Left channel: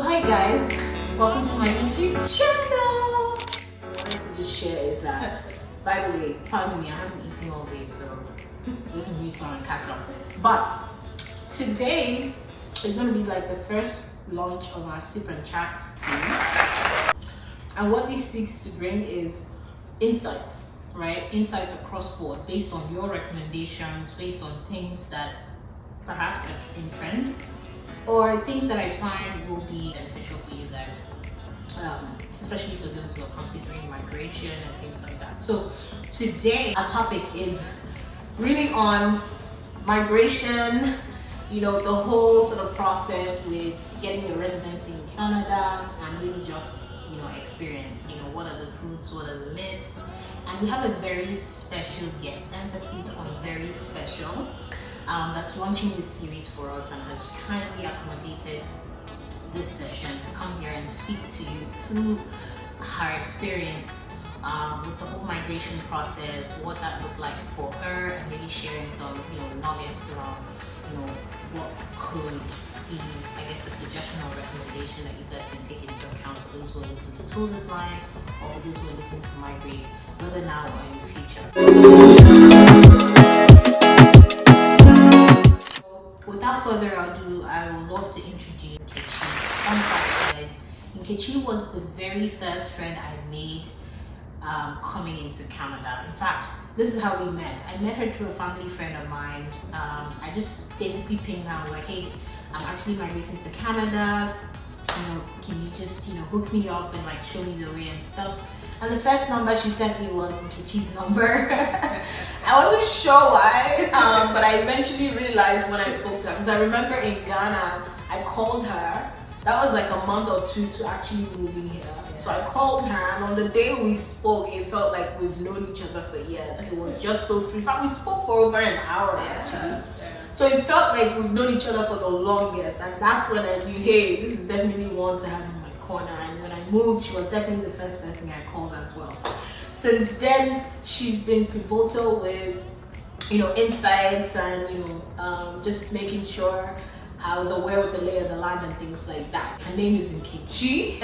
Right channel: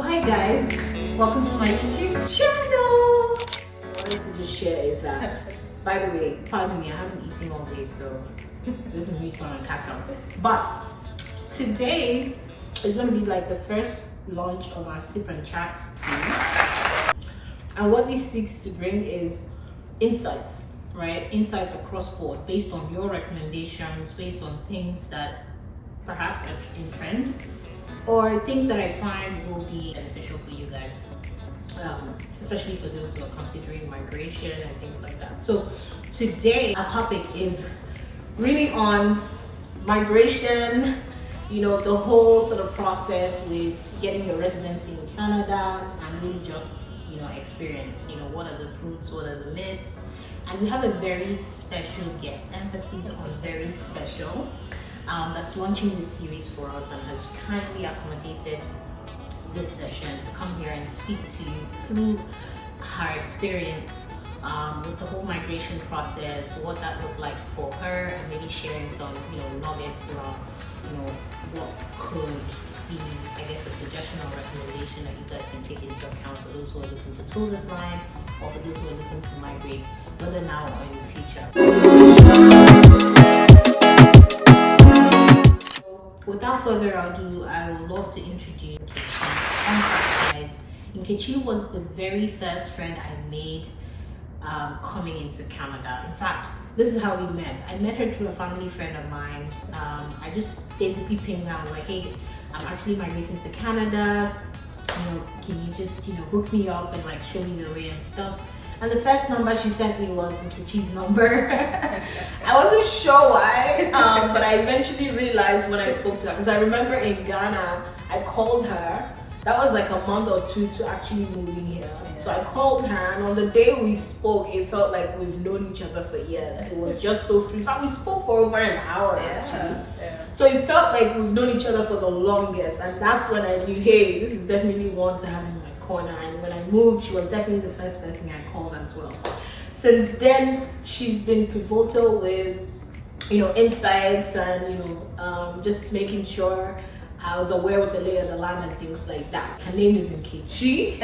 Hi guys, welcome to my YouTube channel. What I wanted to just share is that, by the way, pardon me, I haven't eaten all day, so this is me trying to catch up. But today is going to be like the first launch of our Sip and Chat series. And what this seeks to bring is insights, right? Insights across board based on your recommendations, based on things that perhaps are in trend, or things that I find will be beneficial for you guys, especially for those who are considering migration and things like that. So today our topic is really on migration, you know, the whole sort of process with getting your residency in Canada and really just, you know, experience, you know, what are the fruits, what are the myths. And we have a very special guest, emphasis on very special, that's launching this series for us and has kindly accommodated this session to come here and speak to you through her experience with the whole migration process, what that looked like for her, and maybe sharing some, you know, nuggets around, you know, what could be, I guess, a suggestion or recommendation that you guys can take into account for those who are looking to tour this line or for those who are looking to migrate, whether now or in the future. Without further ado, I would love to introduce Nkechi. Fun fact, guys, Nkechi was the very first friend I made coming into Canada. In fact, this is how we met. I met her through a family friend of mine. I just basically pinged her. I was like, hey, I'm actually migrating to Canada. You know, can you just, you know, hook me up and like show me the way and stuff? And the first number she sent me was Nkechi's number. I wasn't sure why, but I eventually realized when I spoke to her, because I remember in Ghana, I called her. That was like a month or two to actually moving here. Yeah. So I called her, and on the day we spoke, it felt like we've known each other for years. It was just so free. In fact, we spoke for over an hour actually. Yeah. So it felt like we've known each other for the longest, and that's when I knew, hey, this is definitely one to have in my corner. And when I moved, she was definitely the first person I called as well. Since then, she's been pivotal with, you know, insights and, you know, just making sure I was aware of the lay of the land and things like that. Her name is Nkechi.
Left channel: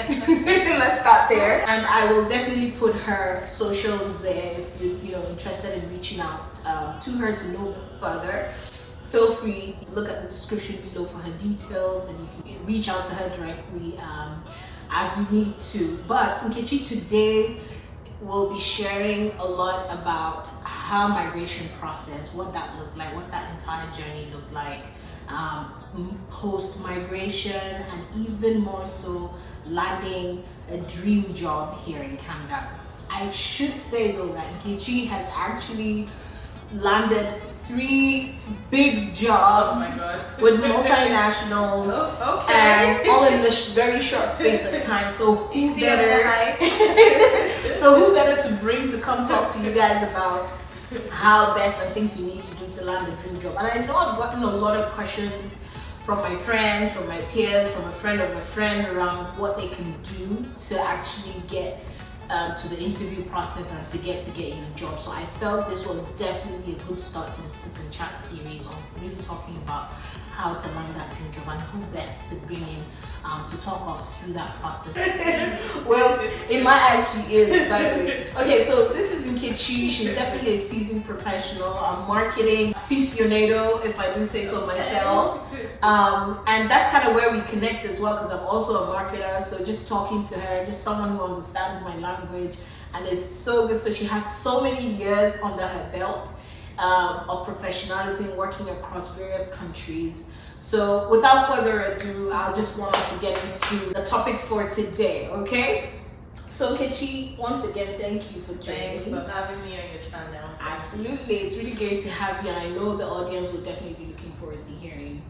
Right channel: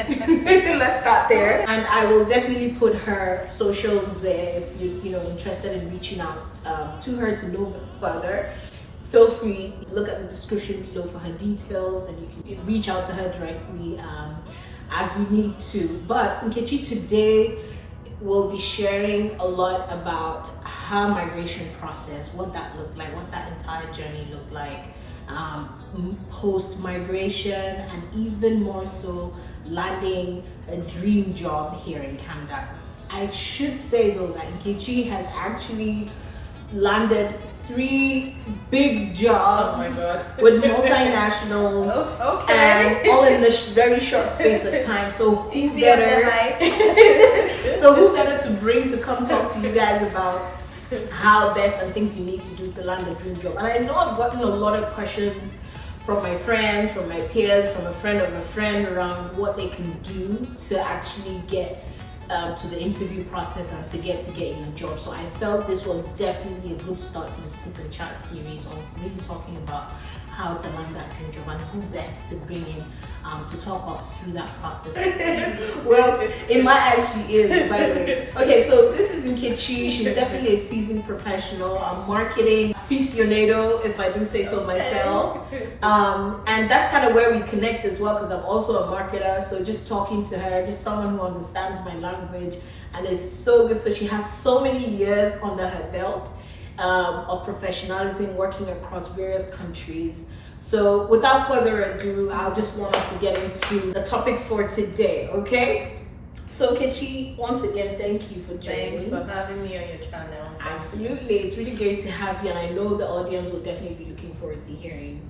Let's start there. And I will definitely put her socials there if you're, you know, interested in reaching out to her to know further. Feel free to look at the description below for her details, and you can reach out to her directly as you need to. But Nkechi today will be sharing a lot about her migration process, what that looked like, what that entire journey looked like, post-migration, and even more so landing a dream job here in Canada. I should say though that Nkechi has actually landed 3 big jobs with multinationals, and all in this very short space of time. So who better? So who better to bring to come talk to you guys about how best and things you need to do to land a dream job. And I know I've gotten a lot of questions from my friends, from my peers, from a friend of a friend around what they can do to actually get to the interview process and to get in a job. So I felt this was definitely a good start to the Sip and Chat series on really talking about how to land that dream job and who best to bring in to talk us through that process. Well, in my eyes, she is, by the way. Okay, so this is Nkechi. She's definitely a seasoned professional, a marketing aficionado, if I do say so myself. And that's kind of where we connect as well, because I'm also a marketer. So just talking to her, just someone who understands my language and is so good. So she has so many years under her belt of professionalism working across various countries. So without further ado, I just want us to get into the topic for today, okay? So Nkechi, once again, thank you for joining. Thanks for having me on your channel. Absolutely, it's really great to have you, and I know the audience will definitely be looking forward to hearing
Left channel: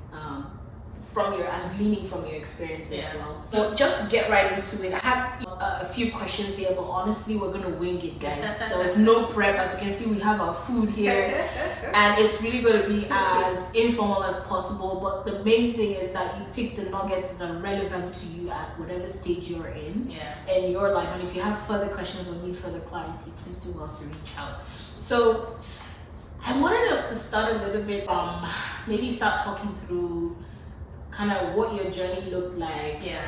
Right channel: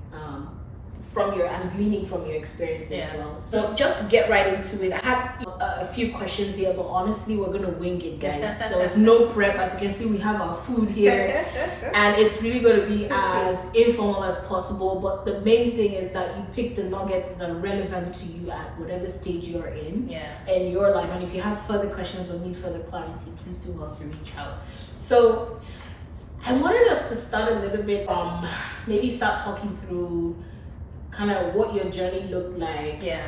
from your and gleaning from your experience as well. So just to get right into it, I had a few questions here, but honestly we're gonna wing it, guys. There was no prep. As you can see, we have our food here and it's really going to be as informal as possible, but the main thing is that you pick the nuggets that are relevant to you at whatever stage you're in your life. And if you have further questions or need further clarity, please do well to reach out. So I wanted us to start a little bit maybe start talking through kind of what your journey looked like Yeah.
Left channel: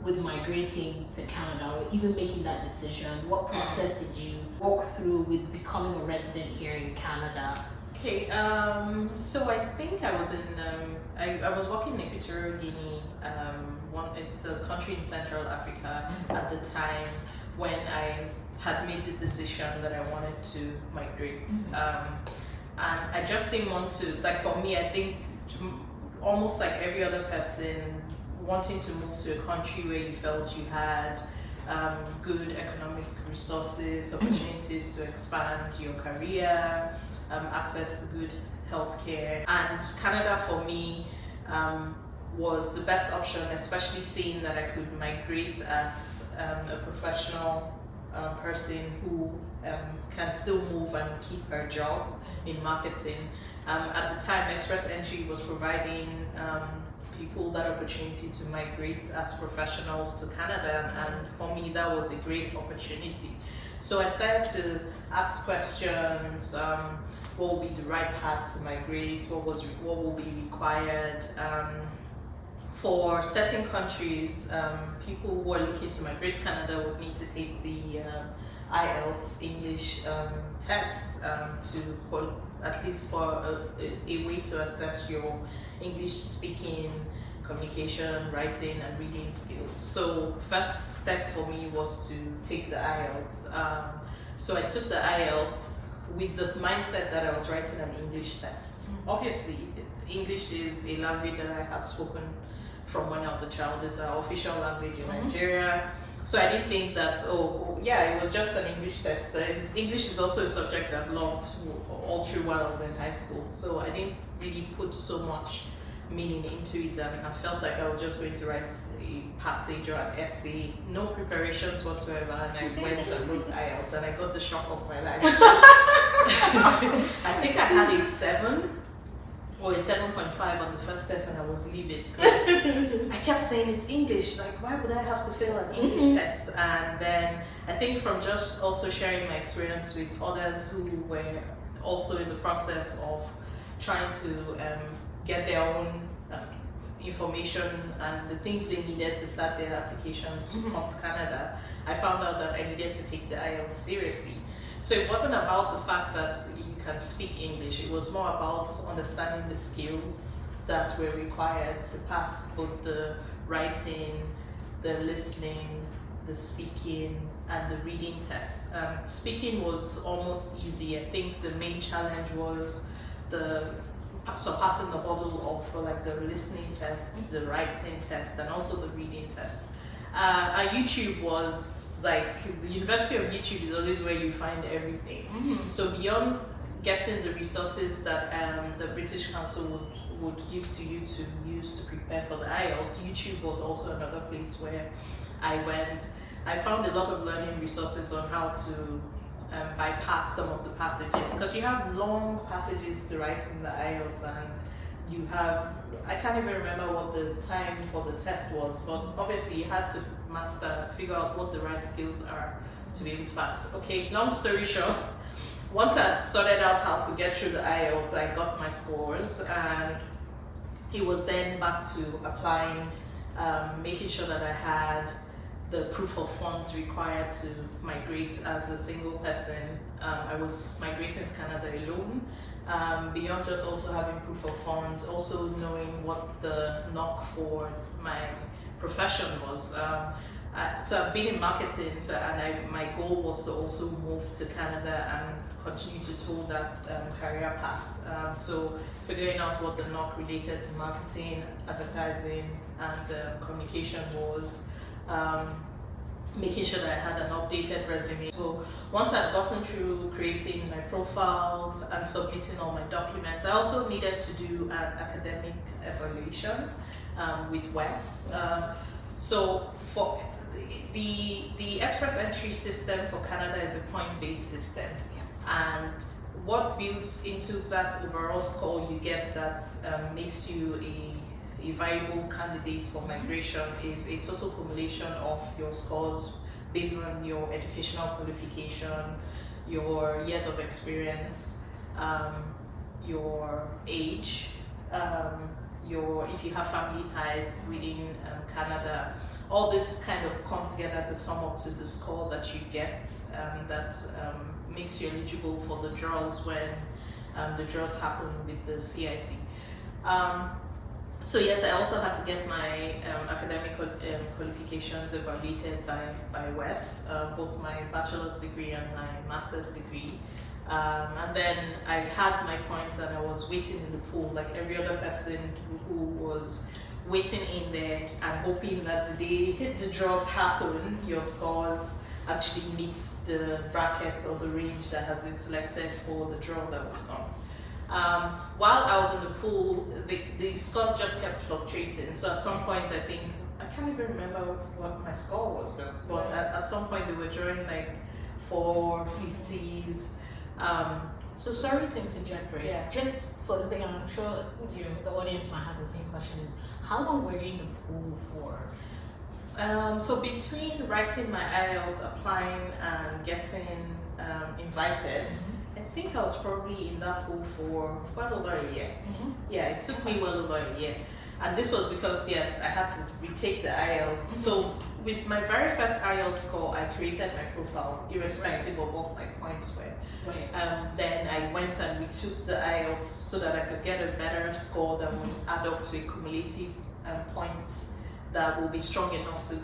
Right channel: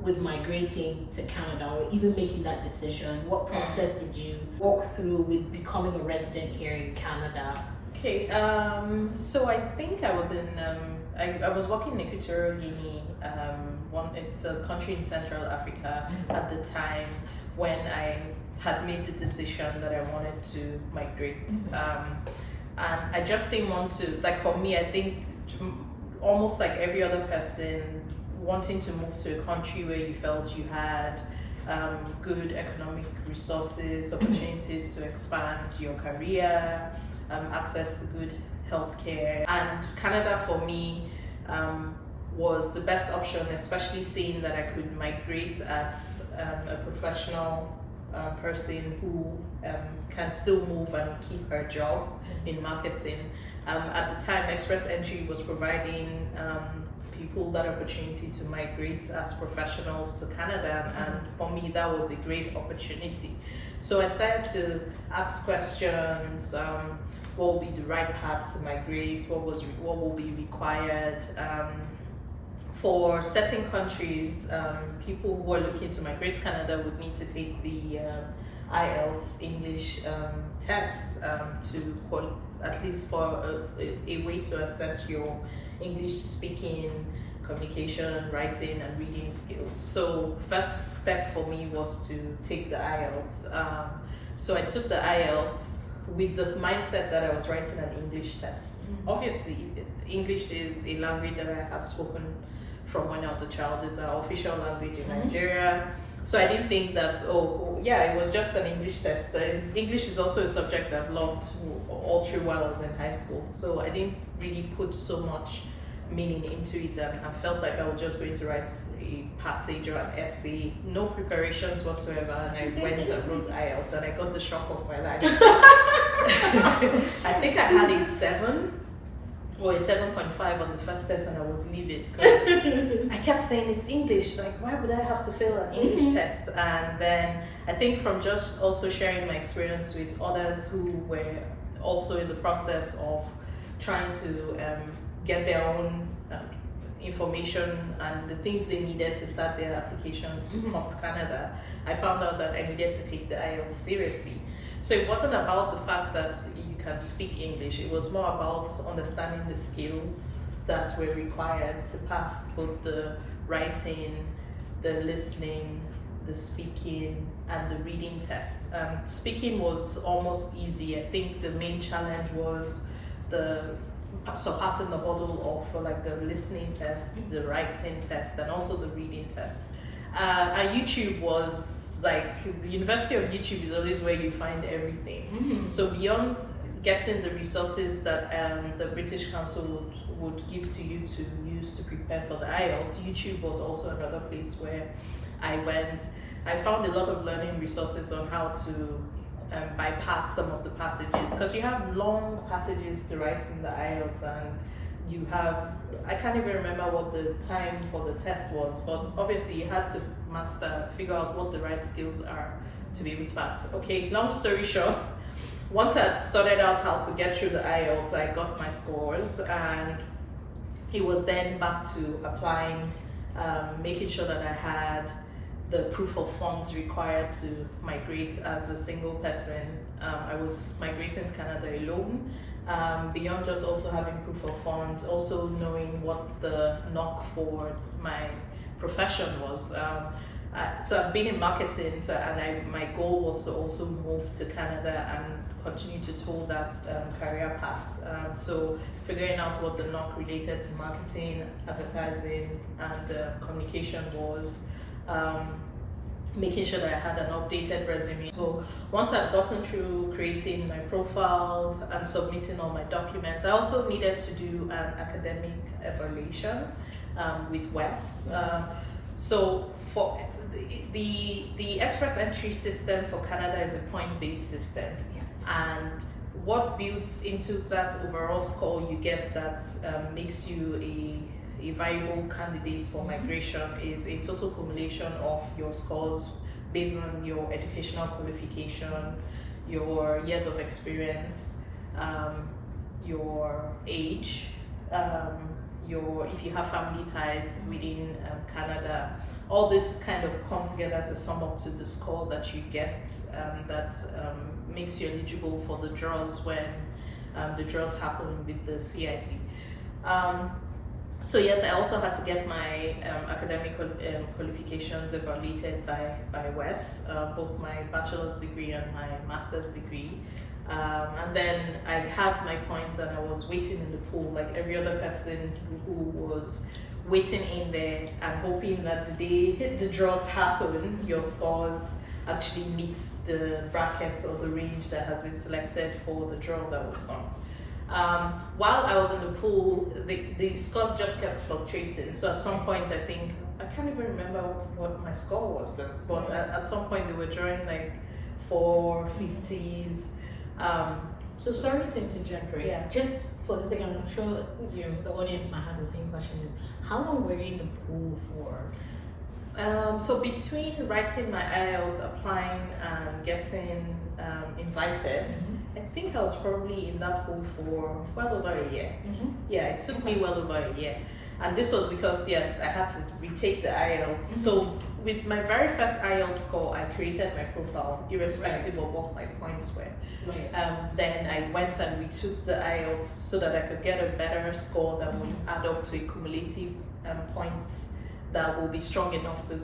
with migrating to Canada, or even making that decision. What process did you walk through with becoming a resident here in Canada? Okay, so I think I was in, I was working in Equatorial Guinea. It's a country in Central Africa at the time when I had made the decision that I wanted to migrate. And I just didn't want to, like for me, I think almost like every other person, wanting to move to a country where you felt you had good economic resources, opportunities to expand your career, access to good healthcare. And Canada for me was the best option, especially seeing that I could migrate as a professional person who can still move and keep her job in marketing. At the time, Express Entry was providing people that opportunity to migrate as professionals to Canada, and for me that was a great opportunity. So I started to ask questions. What will be the right path to migrate? What will be required? For certain countries, people who are looking to migrate to Canada would need to take the IELTS English test to at least for a way to assess your English speaking, communication, writing, and reading skills. So first step for me was to take the IELTS. So I took the IELTS with the mindset that I was writing an English test. Obviously, English is a language that I have spoken from when I was a child. It's our official language in Nigeria. So I didn't think that, yeah, it was just an English test. English is also a subject I've loved all through while I was in high school. So I didn't really put so much meaning into it, and I felt like I was just going to write a passage or an essay, no preparations whatsoever, and I went and wrote IELTS, and I got the shock of my life. I think I had a 7 or a 7.5 on the first test, and I was livid because I kept saying it's English, like why would I have to fail an English test? And then I think from just also sharing my experience with others who were also in the process of trying to get their own information and the things they needed to start their application to come to Canada, I found out that I needed to take the IELTS seriously. So it wasn't about the fact that you can speak English, it was more about understanding the skills that were required to pass both the writing, the listening, the speaking, and the reading test. Speaking was almost easy. I think the main challenge was surpassing the hurdle of like the listening test, the writing test, and also the reading test. And YouTube was like, the University of YouTube is always where you find everything. So beyond getting the resources that the British Council would give to you to use to prepare for the IELTS, YouTube was also another place where I went. I found a lot of learning resources on how to bypass some of the passages, because you have long passages to write in the IELTS, and you have, I can't even remember what the time for the test was, but obviously you had to figure out what the right skills are to be able to pass. Okay, long story short, once I sorted out how to get through the IELTS, I got my scores, and it was then back to applying, making sure that I had the proof of funds required to migrate as a single person. I was migrating to Canada alone. Beyond just also having proof of funds, also knowing what the knock for my profession was. So I've been in marketing, and my goal was to also move to Canada and continue to tour that career path. So figuring out what the knock related to marketing, advertising, and communication was. Making sure that I had an updated resume. So once I'd gotten through creating my profile and submitting all my documents, I also needed to do an academic evaluation with Wes. So for the Express Entry system for Canada is a point-based system, and what builds into that overall score you get that makes you a viable candidate for migration is a total cumulation of your scores based on your educational qualification, your years of experience, your age, if you have family ties within Canada, all this kind of come together to sum up to the score that you get that makes you eligible for the draws when the draws happen with the CIC. So yes, I also had to get my academic qualifications evaluated by WES, both my bachelor's degree and my master's degree. And then I had my points and I was waiting in the pool like every other person who was waiting in there and hoping that the day the draws happen, your scores actually meets the bracket or the range that has been selected for the draw that was done. While I was in the pool, the scores just kept fluctuating. So at some point, I can't even remember what my score was though, but at some point they were drawing like 450s. So sorry to interject, right? Yeah. Just for the sake, I'm sure the audience might have the same question: is how long were you in the pool for? So between writing my IELTS, applying, and getting invited, I think I was probably in that pool for well over a year. Yeah, it took me well over a year. And this was because, yes, I had to retake the IELTS. So with my very first IELTS score, I created my profile, irrespective of what my points were. Then I went and retook the IELTS so that I could get a better score that would add up to a cumulative points that will be strong enough to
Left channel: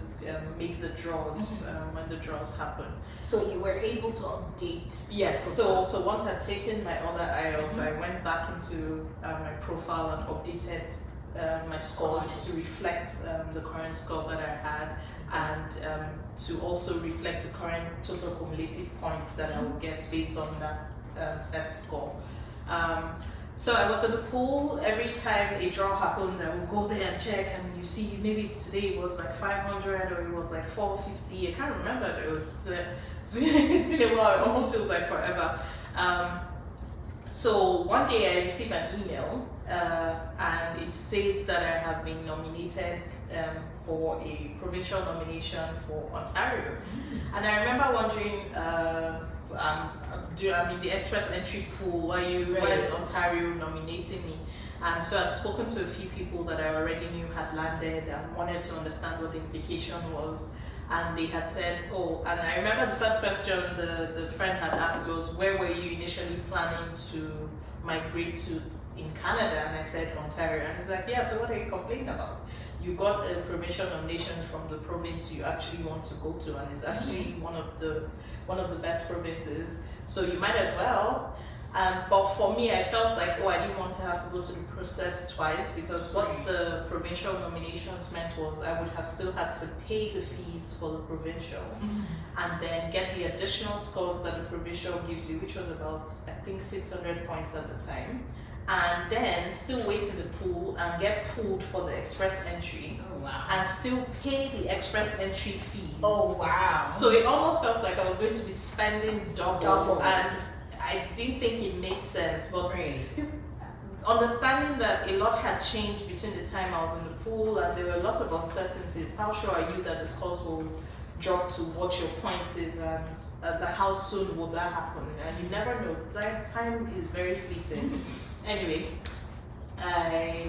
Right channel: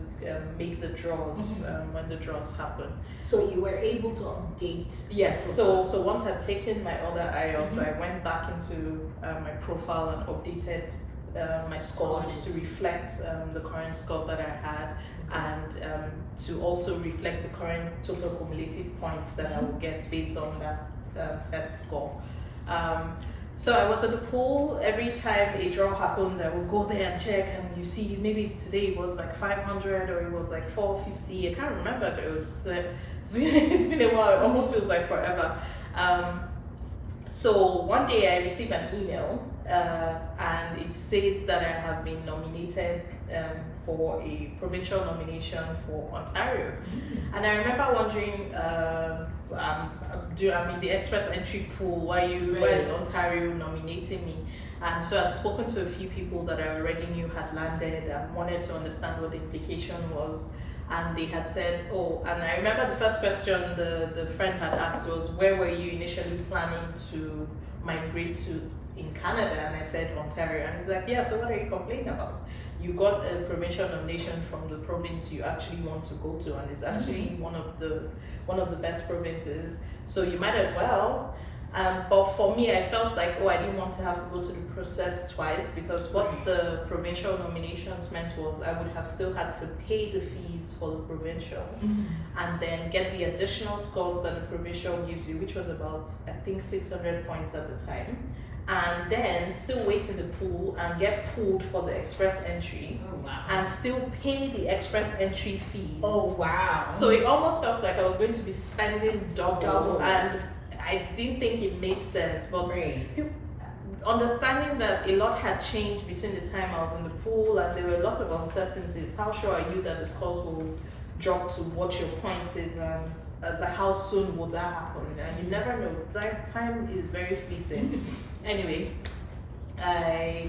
make the draws when the draws happen. So you were able to update? Yes. So once I'd taken my other IELTS, I went back into my profile and updated my scores to reflect the current score that I had, and to also reflect the current total cumulative points that I will get based on that test score. So I was at the pool. Every time a draw happens, I will go there and check, and you see maybe today it was like 500 or it was like 450. I can't remember though. It's been a while. It almost feels like forever. So one day I received an email and it says that I have been nominated for a provincial nomination for Ontario. And I remember wondering, I'm in the express entry pool, why is Ontario nominating me? And so I'd spoken to a few people that I already knew had landed and wanted to understand what the implication was. And they had said, and I remember the first question the friend had asked was, where were you initially planning to migrate to in Canada? And I said Ontario. And he's like, yeah, so what are you complaining about? You got a provincial nomination from the province you actually want to go to, and it's actually one of the best provinces, so you might as well. But for me, I felt like, I didn't want to have to go to the process twice, because what the provincial nominations meant was I would have still had to pay the fees for the provincial and then get the additional scores that the provincial gives you, which was about, I think, 600 points at the time, and then still wait in the pool and get pulled for the express entry and still pay the express entry fees. So it almost felt like I was going to be spending double. And I didn't think it made sense, but understanding that a lot had changed between the time I was in the pool and there were a lot of uncertainties. How sure are you that the scores will drop to what your point is, and how soon will that happen? And you never know. Time is very fleeting. Anyway, I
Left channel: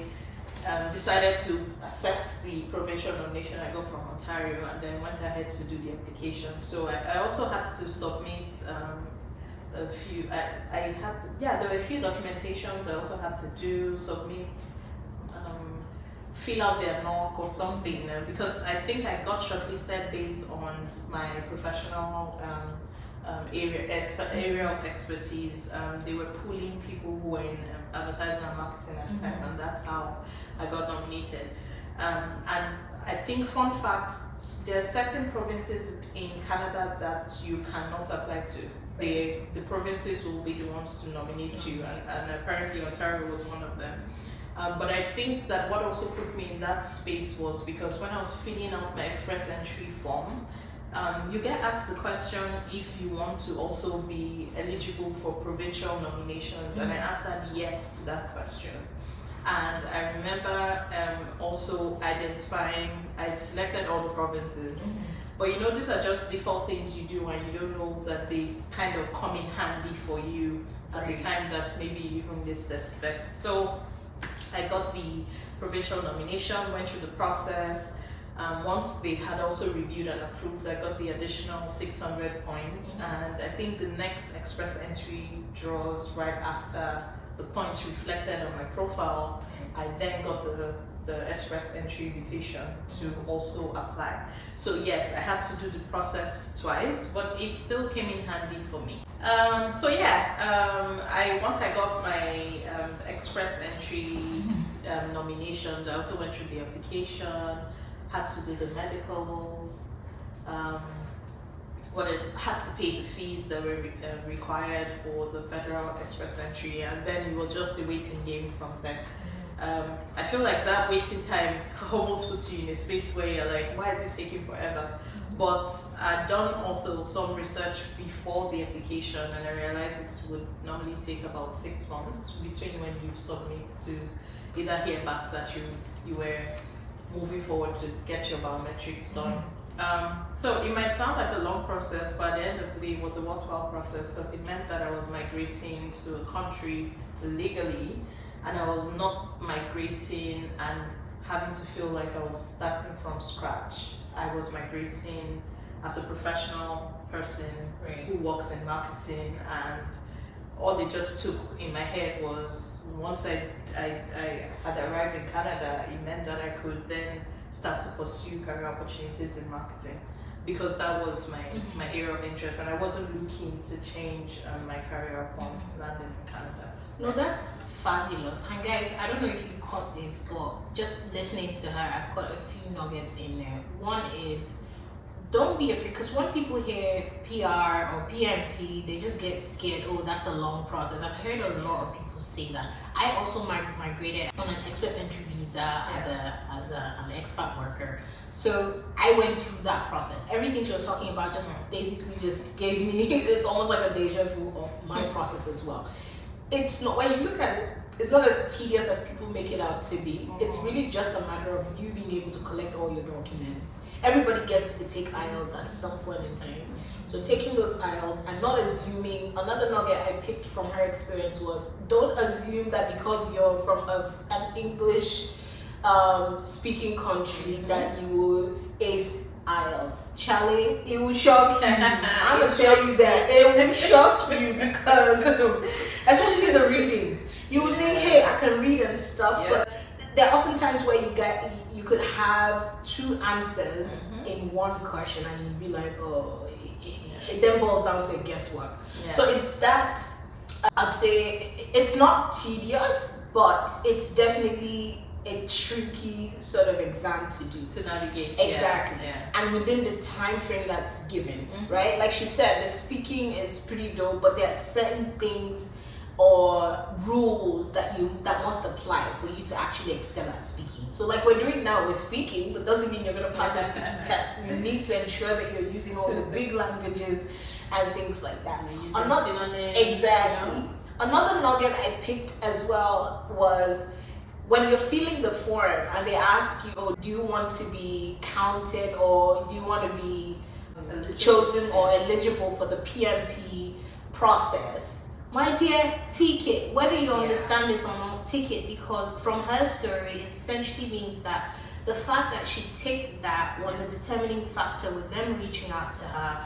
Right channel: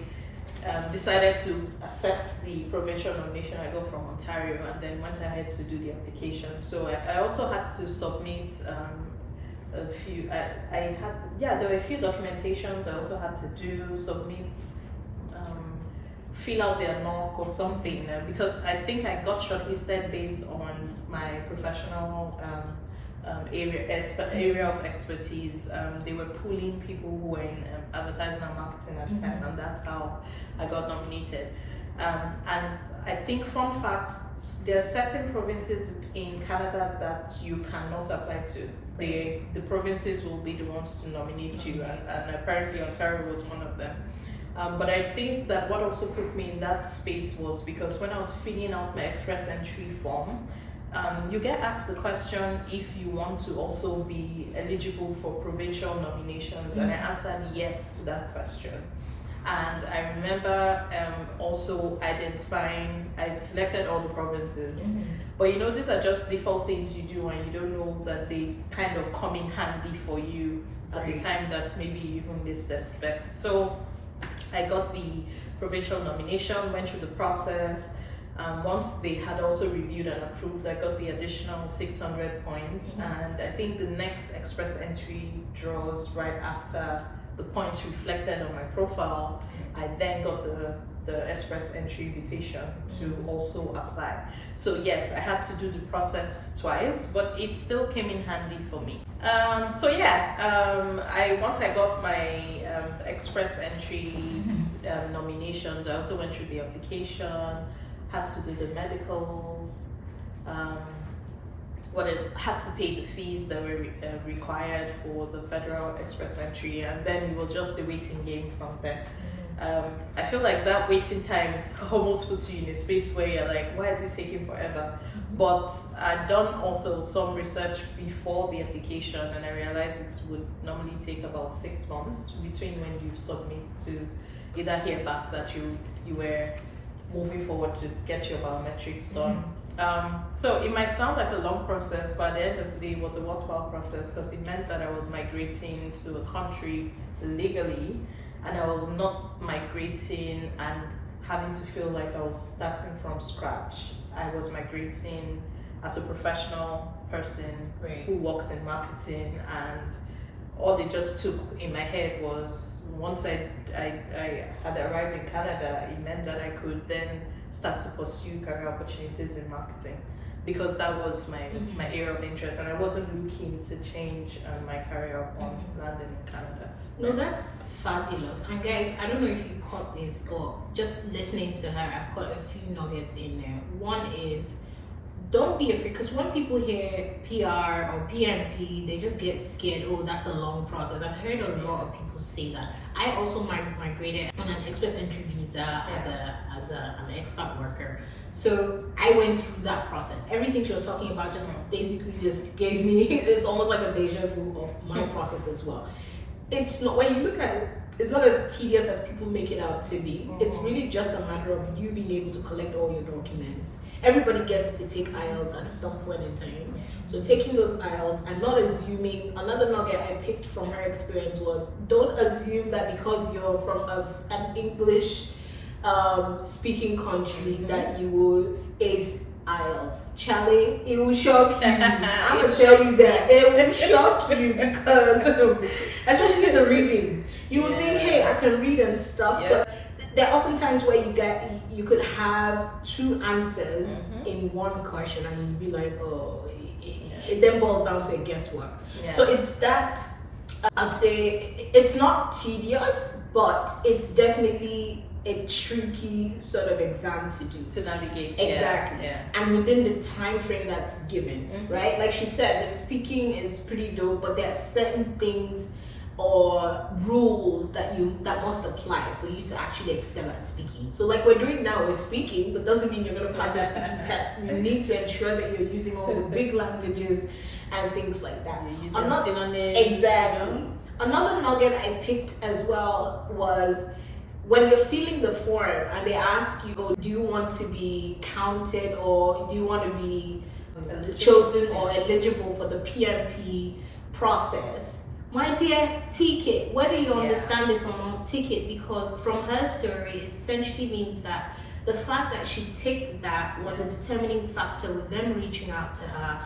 decided to accept the provincial nomination I got from Ontario, and then went ahead to do the application. So I also had to submit a few, there were a few documentations I also had to submit, fill out their NOC or something, because I think I got shortlisted based on my professional area of expertise. They were pooling people who were in advertising and marketing at the time, and that's how I got nominated. And I think, fun fact, there are certain provinces in Canada that you cannot apply to. The provinces will be the ones to nominate you, and apparently Ontario was one of them. But I think that what also put me in that space was because when I was filling out my express entry form, you get asked the question if you want to also be eligible for provincial nominations, and I answered yes to that question. And I remember also identifying, I've selected all the provinces, but these are just default things you do, and you don't know that they kind of come in handy for you at the time that maybe you even least expect. So I got the provincial nomination, went through the process. Once they had also reviewed and approved, I got the additional 600 points. And I think the next express entry draws right after the points reflected on my profile. I then got the express entry invitation to also apply. So yes, I had to do the process twice, but it still came in handy for me. Once I got my express entry nominations, I also went through the application, had to do the medicals, had to pay the fees that were required for the federal express entry, and then it was just a waiting game from there. I feel like that waiting time almost puts you in a space where you're like, why is it taking forever? But I'd done also some research before the application, and I realized it would normally take about 6 months between when you submit to either hear back that you were moving forward to get your biometrics done. So it might sound like a long process, but at the end of the day, it was a worthwhile process because it meant that I was migrating to a country legally, and I was not migrating and having to feel like I was starting from scratch. I was migrating as a professional person who works in marketing, and all they just took in my head was once I had arrived in Canada, it meant that I could then start to pursue career opportunities in marketing, because that was my area of interest, and I wasn't looking to change my career upon landing in Canada. No, that's fabulous. And guys, I don't know if you caught this, but just listening to her, I've got a few nuggets in there. One is, don't be afraid, because when people hear PR or PMP, they just get scared. Oh, that's a long process. I've heard a lot of people say that. I also migrated on an express entry visa as an expat worker. So I went through that process. Everything she was talking about just basically just gave me, it's almost like a deja vu of my process as well. It's not, when you look at it, it's not as tedious as people make it out to be. It's really just a matter of you being able to collect all your documents. Everybody gets to take IELTS at some point in time. So taking those IELTS and not assuming, another nugget I picked from her experience was, don't assume that because you're from an English speaking country that you will ace IELTS. Charlie, it will shock you. I'm gonna tell you that it will shock you, because especially the reading, you would think, hey, I can read and stuff, but there are often times where you could have two answers in one question, and you'd be like, oh, it then boils down to a guesswork. So it's that, I'd say it's not tedious, but it's definitely a tricky sort of exam to do, to navigate. Exactly. And within the time frame that's given, right? Like she said, the speaking is pretty dope, but there are certain things or rules that must apply for you to actually excel at speaking. So like we're doing now, we're speaking, but doesn't mean you're going to pass your speaking test. You need to ensure that you're using all the big languages and things like that. Exactly. Another nugget I picked as well was, when you're filling the form and they ask you, oh, do you want to be counted, or do you want to be chosen or eligible for the PMP process? My dear, tick it, whether you understand it or not, tick it, because from her story, it essentially means that the fact that she ticked that was a determining factor with them reaching out to her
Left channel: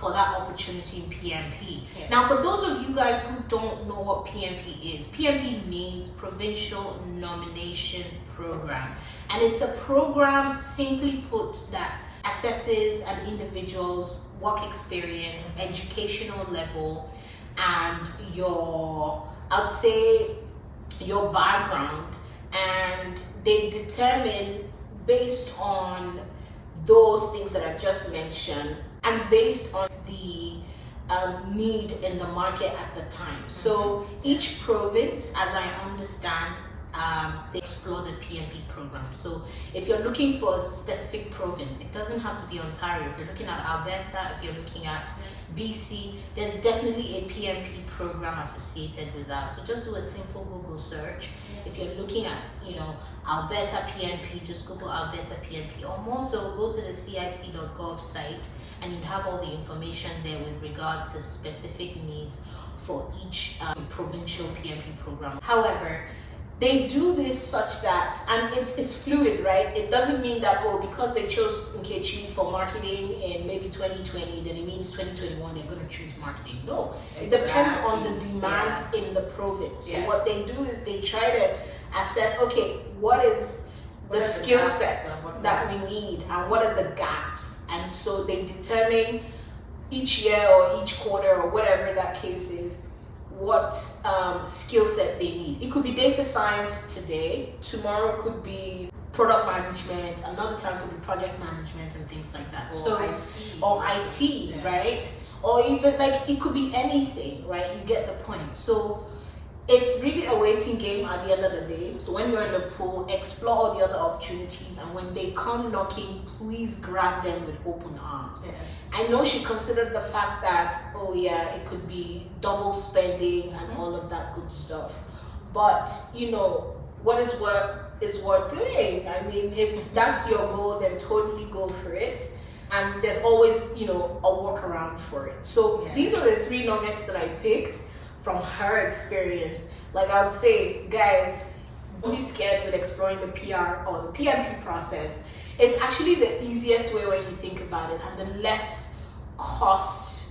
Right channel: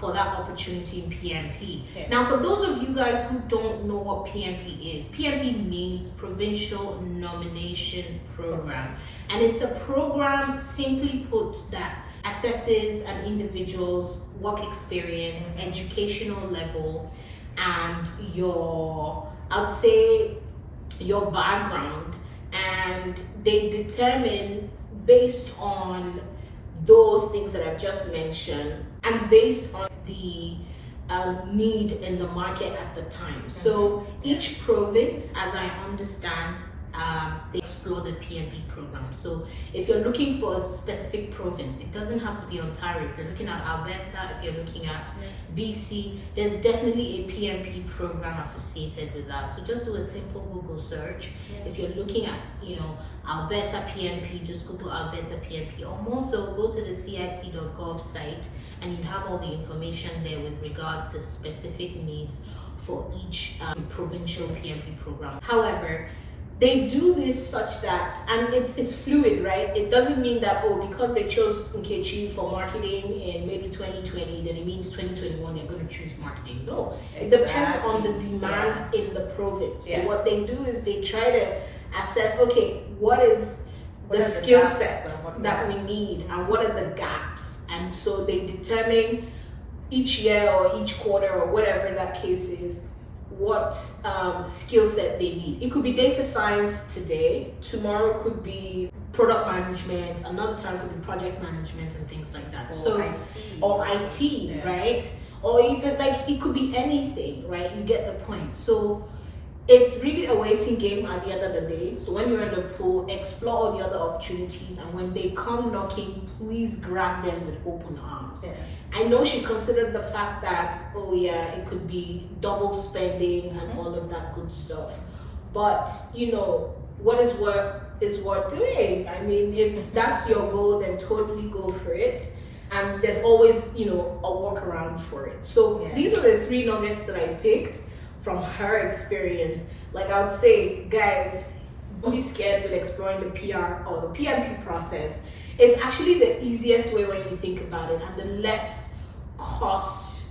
for that opportunity in PMP. Now, for those of you guys who don't know what PMP is, PMP means Provincial Nomination Program. And it's a program, simply put, that assesses an individual's work experience, educational level, and your background, and they determine based on those things that I've just mentioned and based on the need in the market at the time. So each province, as I understand, they explore the PMP program. So if you're looking for a specific province, it doesn't have to be Ontario. If you're looking at Alberta, if you're looking at BC, there's definitely a PMP program associated with that. So just do a simple Google search. If you're looking at, Alberta PMP, just Google Alberta PMP, or more so, go to the cic.gov site, and you have all the information there with regards to specific needs for each provincial PMP program. However, they do this such that, and it's fluid, right? It doesn't mean that, oh, because they chose Nkechi for marketing in maybe 2020, then it means 2021 they're going to choose marketing. No, it depends on the demand in the province. So what they do is they try to assess, okay, what is the skill set that we need and what are the gaps, and so they determine each year or each quarter or whatever that case is what skill set they need. It could be data science today, tomorrow could be product management, another time could be project management and things like that. Or IT, right? Or even like it could be anything, right? You get the point. So it's really a waiting game at the end of the day. So when you're in the pool, explore all the other opportunities, and when they come knocking, please grab them with open arms. I know she considered the fact that, oh yeah, it could be double spending and all of that good stuff. But, you know, what is worth doing? I mean, if that's your goal, then totally go for it. And there's always, you know, a workaround for it. So these are the 3 nuggets that I picked from her experience. Like I would say, guys, don't be scared with exploring the PR or the PMP process. It's actually the easiest way when you think about it, and the less cost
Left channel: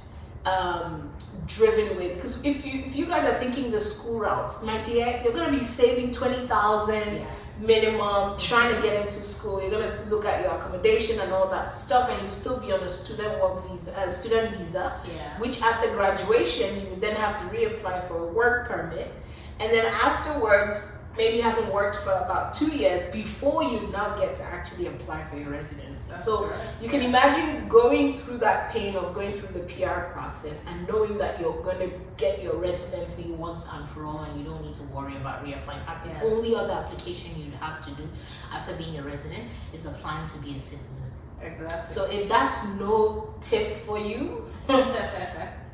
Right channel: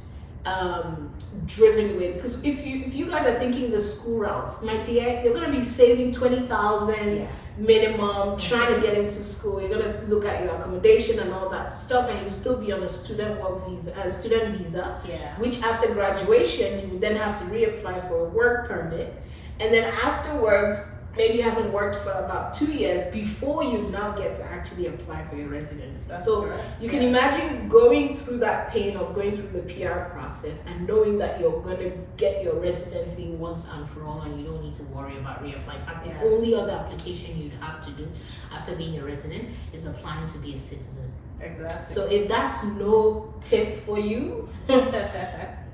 driven way. Because if you guys are thinking the school route, my dear, you're gonna be saving 20,000 minimum trying to get into school. You're gonna look at your accommodation and all that stuff, and you still be on a student visa, which after graduation you would then have to reapply for a work permit, and then afterwards maybe you haven't worked for about 2 years before you now get to actually apply for your residency. So you can imagine going through that pain of going through the PR process and knowing that you're going to get your residency once and for all, and you don't need to worry about reapplying. In fact, the only other application you'd have to do after being a resident is applying to be a citizen. Exactly. So if that's no tip for you,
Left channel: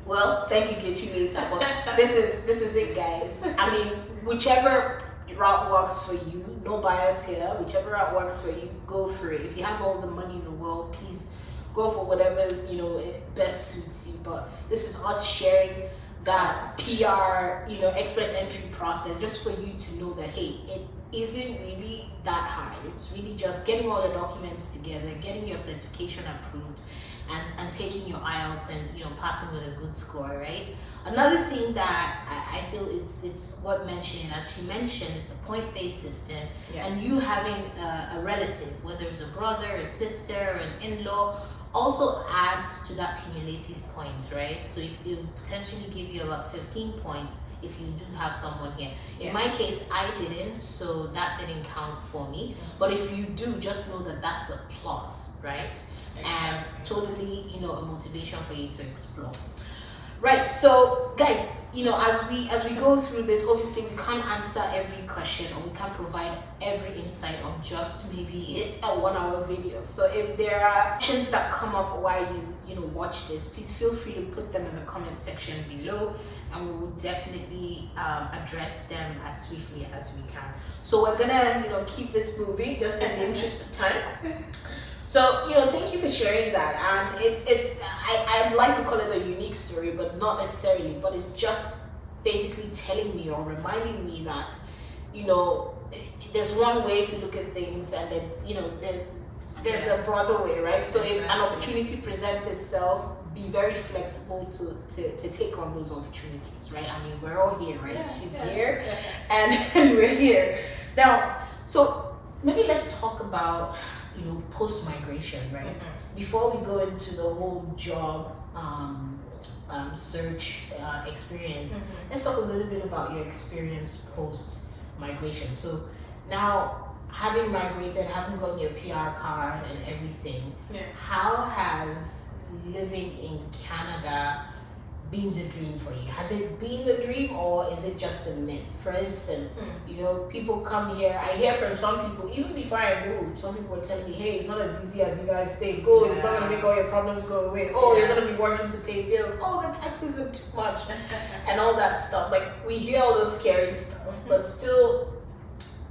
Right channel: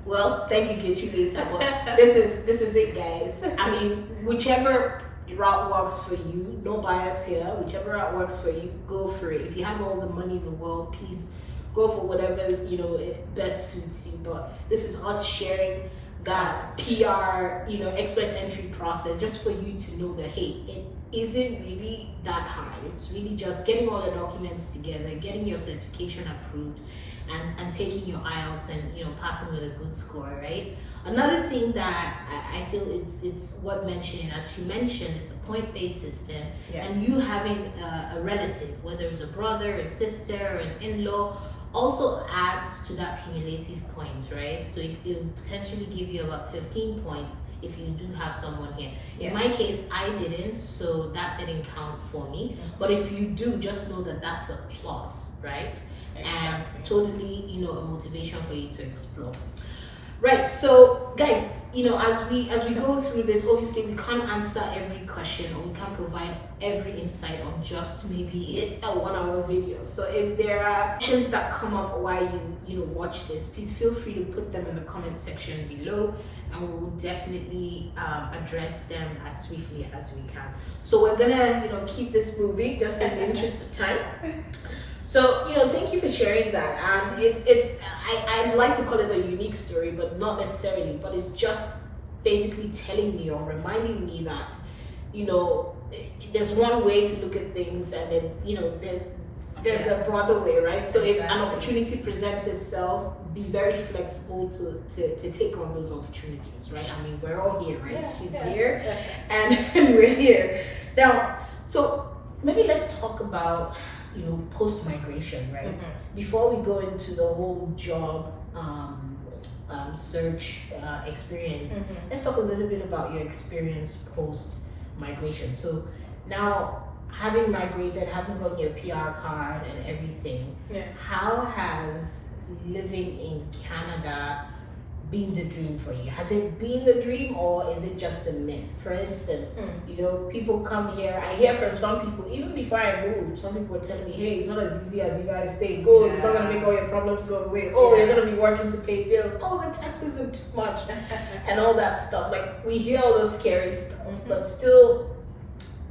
well, thank you, get you later. But this is it, guys. I mean, whichever route works for you, no bias here, whichever route works for you, go for it. If you have all the money in the world, please go for whatever, you know, best suits you. But this is us sharing that PR, you know, express entry process, just for you to know that, hey, it isn't really that hard. It's really just getting all the documents together, getting your certification approved, and taking your IELTS and, you know, passing with a good score, right? Another thing that I feel it's worth mentioning, as you mentioned, it's a point-based system, and you having a relative, whether it's a brother, a sister, or an in-law, also adds to that cumulative point, right? So it will potentially give you about 15 points if you do have someone here. In my case, I didn't, so that didn't count for me. But if you do, just know that that's a plus, right? And totally, you know, a motivation for you to explore. Right, so guys, you know, as we go through this, obviously we can't answer every question, or we can't provide every insight on just maybe a 1-hour video. So if there are questions that come up while you know watch this, please feel free to put them in the comment section below, and we will definitely address them as swiftly as we can. So we're gonna, you know, keep this moving just in the interest of time. So, you know, thank you for sharing that. And I'd like to call it a unique story, but not necessarily, but it's just basically telling me or reminding me that, you know, there's one way to look at things, and then, you know, there's a broader way, right? So if an opportunity presents itself, be very flexible to take on those opportunities, right? I mean, we're all here, right? She's here and we're here. Now, so maybe let's talk about, you know, post-migration, right? Before we go into the whole job search experience, let's talk a little bit about your experience post-migration. So now, having migrated, having gotten your PR card and everything, how has living in Canada been the dream for you? Has it been the dream, or is it just a myth? For instance, you know, people come here, I hear from some people, even before I moved, some people were telling me, hey, it's not as easy as you guys think. Oh, it's not going to make all your problems go away. Oh, you're going to be working to pay bills. Oh, the taxes are too much. And all that stuff. Like, we hear all those scary stuff, but still,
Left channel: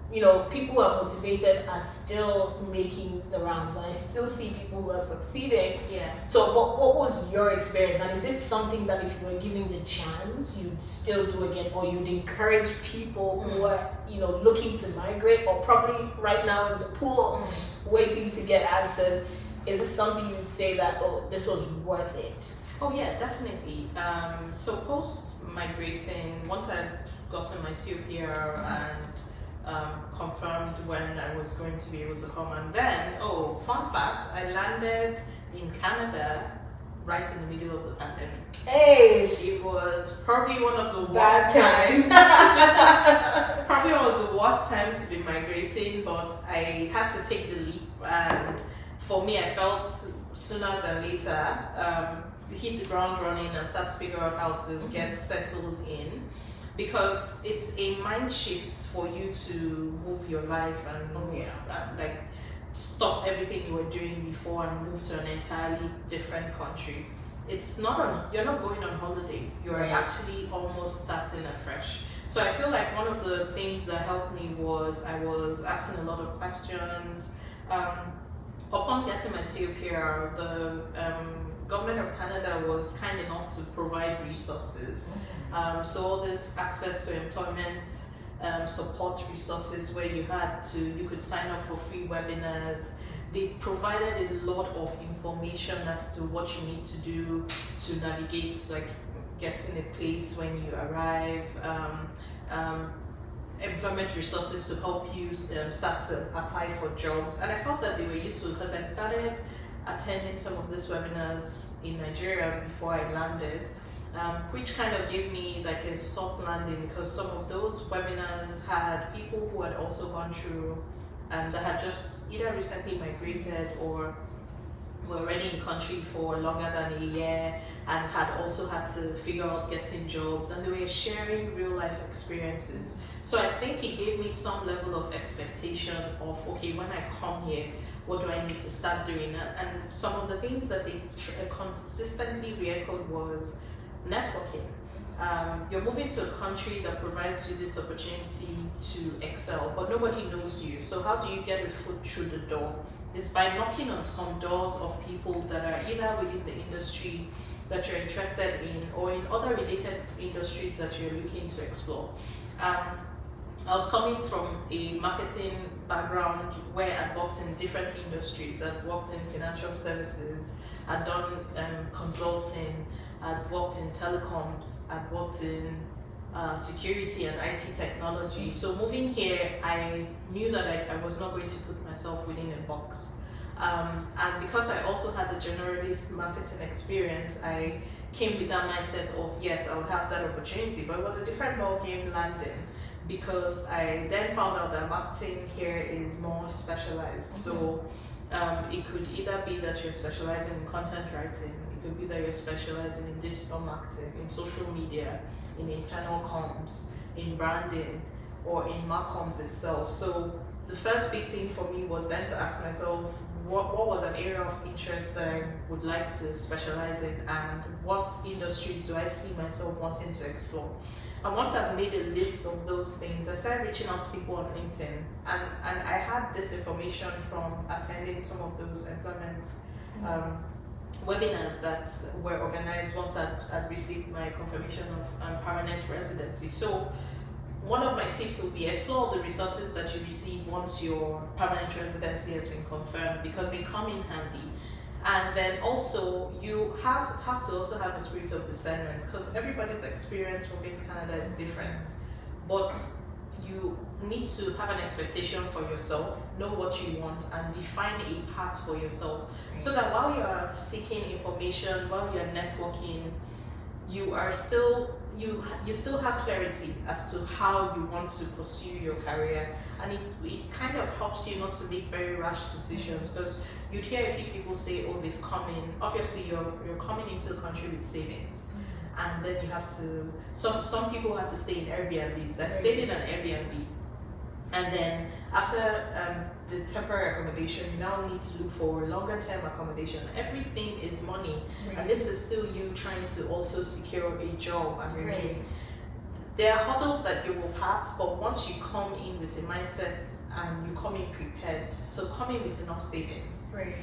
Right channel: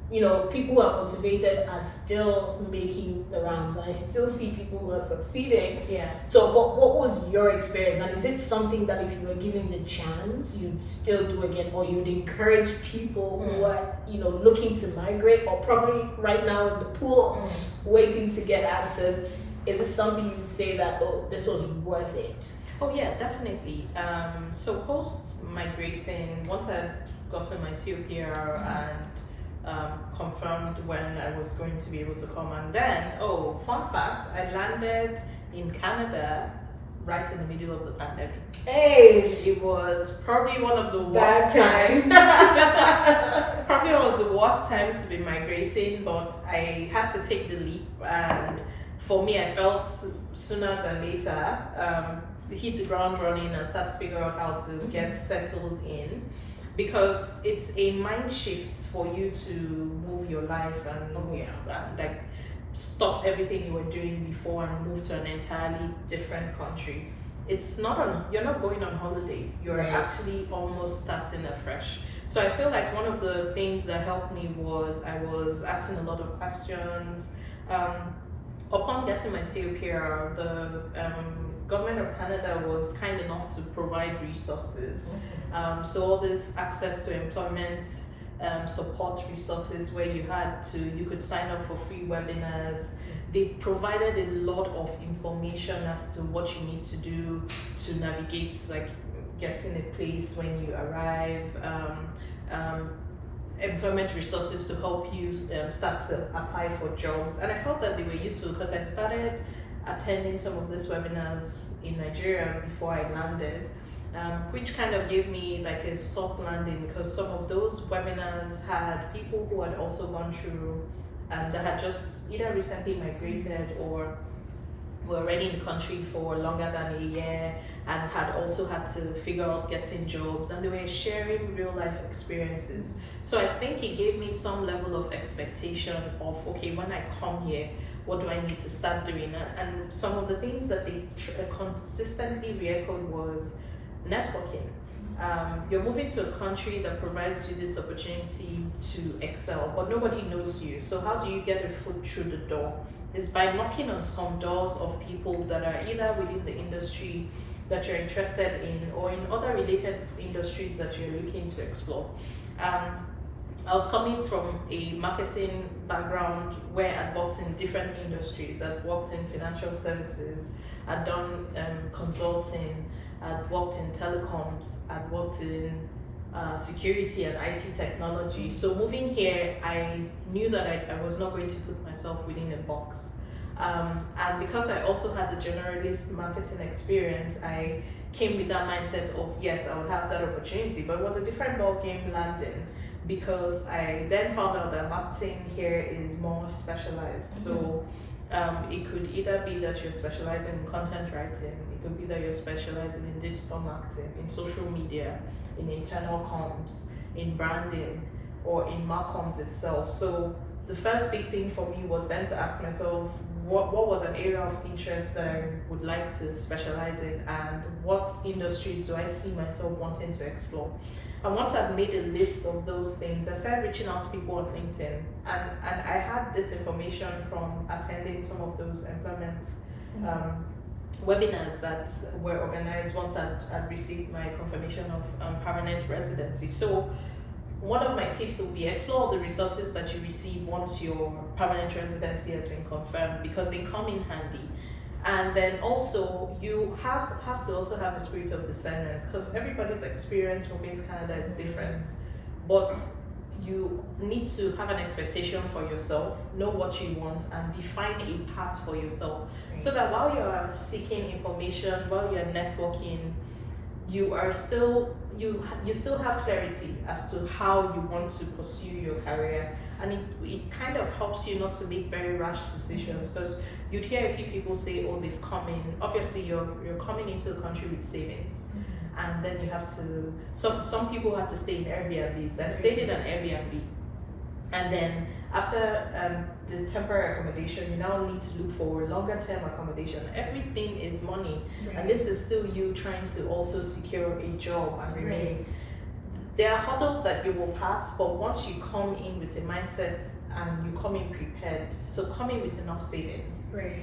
people who are motivated are still making the rounds. I still see people who are succeeding. Yeah. So, but what was your experience? And is it something that if you were given the chance, you'd still do again, or you'd encourage people who are, looking to migrate, or probably right now in the pool, waiting to get answers? Is it something you'd say that, oh, this was worth it? Oh yeah, definitely. So post migrating, once I gotten my COPR and confirmed when I was going to be able to come, and then fun fact, I landed in Canada right in the middle of the pandemic. Hey, it was probably one of the bad worst times. Probably one of the worst times to be migrating, but I had to take the leap, and for me, I felt sooner than later hit the ground running and start to figure out how to get settled in, because it's a mind shift for you to move your life and like stop everything you were doing before and move to an entirely different country. You're not going on holiday, you're actually almost starting afresh. So I feel like one of the things that helped me was I was asking a lot of questions. Upon getting my COPR, the government of Canada was kind enough to provide resources. So all this access to employment support resources where you could sign up for free webinars. They provided a lot of information as to what you need to do to navigate, like getting a place when you arrive, employment resources to help you start to apply for jobs. And I felt that they were useful because I started attending some of these webinars in Nigeria before I landed, which kind of gave me like a soft landing, because some of those webinars had people who had also gone through that had just either recently migrated or were already in the country for longer than a year and had also had to figure out getting jobs, and they were sharing real life experiences. So I think it gave me some level of expectation of, okay, when I come here, what do I need to start doing? And some of the things that they consistently re-echoed was networking. You're moving to a country that provides you this opportunity to excel, but nobody knows you. So how do you get a foot through the door? It's by knocking on some doors of people that are either within the industry that you're interested in or in other related industries that you're looking to explore. I was coming from a marketing background where I'd worked in different industries. I'd worked in financial services, I'd done consulting, I'd worked in telecoms, I'd worked in security and IT technology. So moving here, I knew that I was not going to put myself within a box. And because I also had the generalist marketing experience, I came with that mindset of, yes, I would have that opportunity, but it was a different ballgame landing, because I then found out that marketing here is more specialized. So it could either be that you're specializing in content writing, it could be that you're specializing in digital marketing, in social media, in internal comms, in branding, or in marcoms itself. So the first big thing for me was then to ask myself, what was an area of interest that I would like to specialize in, and what industries do I see myself wanting to explore? And once I've made a list of those things, I started reaching out to people on LinkedIn, and I had this information from attending some of those employment webinars that were organized once I'd received my confirmation of permanent residency. So one of my tips will be explore the resources that you receive once your permanent residency has been confirmed, because they come in handy. And then also you have to also have a spirit of discernment, because everybody's experience moving to Canada is different. But you need to have an expectation for yourself, know what you want, and define a path for yourself. So that while you are seeking information, while you are networking, you still have clarity as to how you want to pursue your career, and it kind of helps you not to make very rash decisions, because you'd hear a few people say, oh, they've come in, obviously you're coming into the country with savings, and then you have to, some people had to stay in Airbnbs. I stayed in an Airbnb, and then after the temporary accommodation, you now need to look for longer term accommodation. Everything is money, and this is still you trying to also secure a job and remain. there are hurdles that you will pass, but once you come in with a mindset and you come in prepared, so come in with enough savings. Right.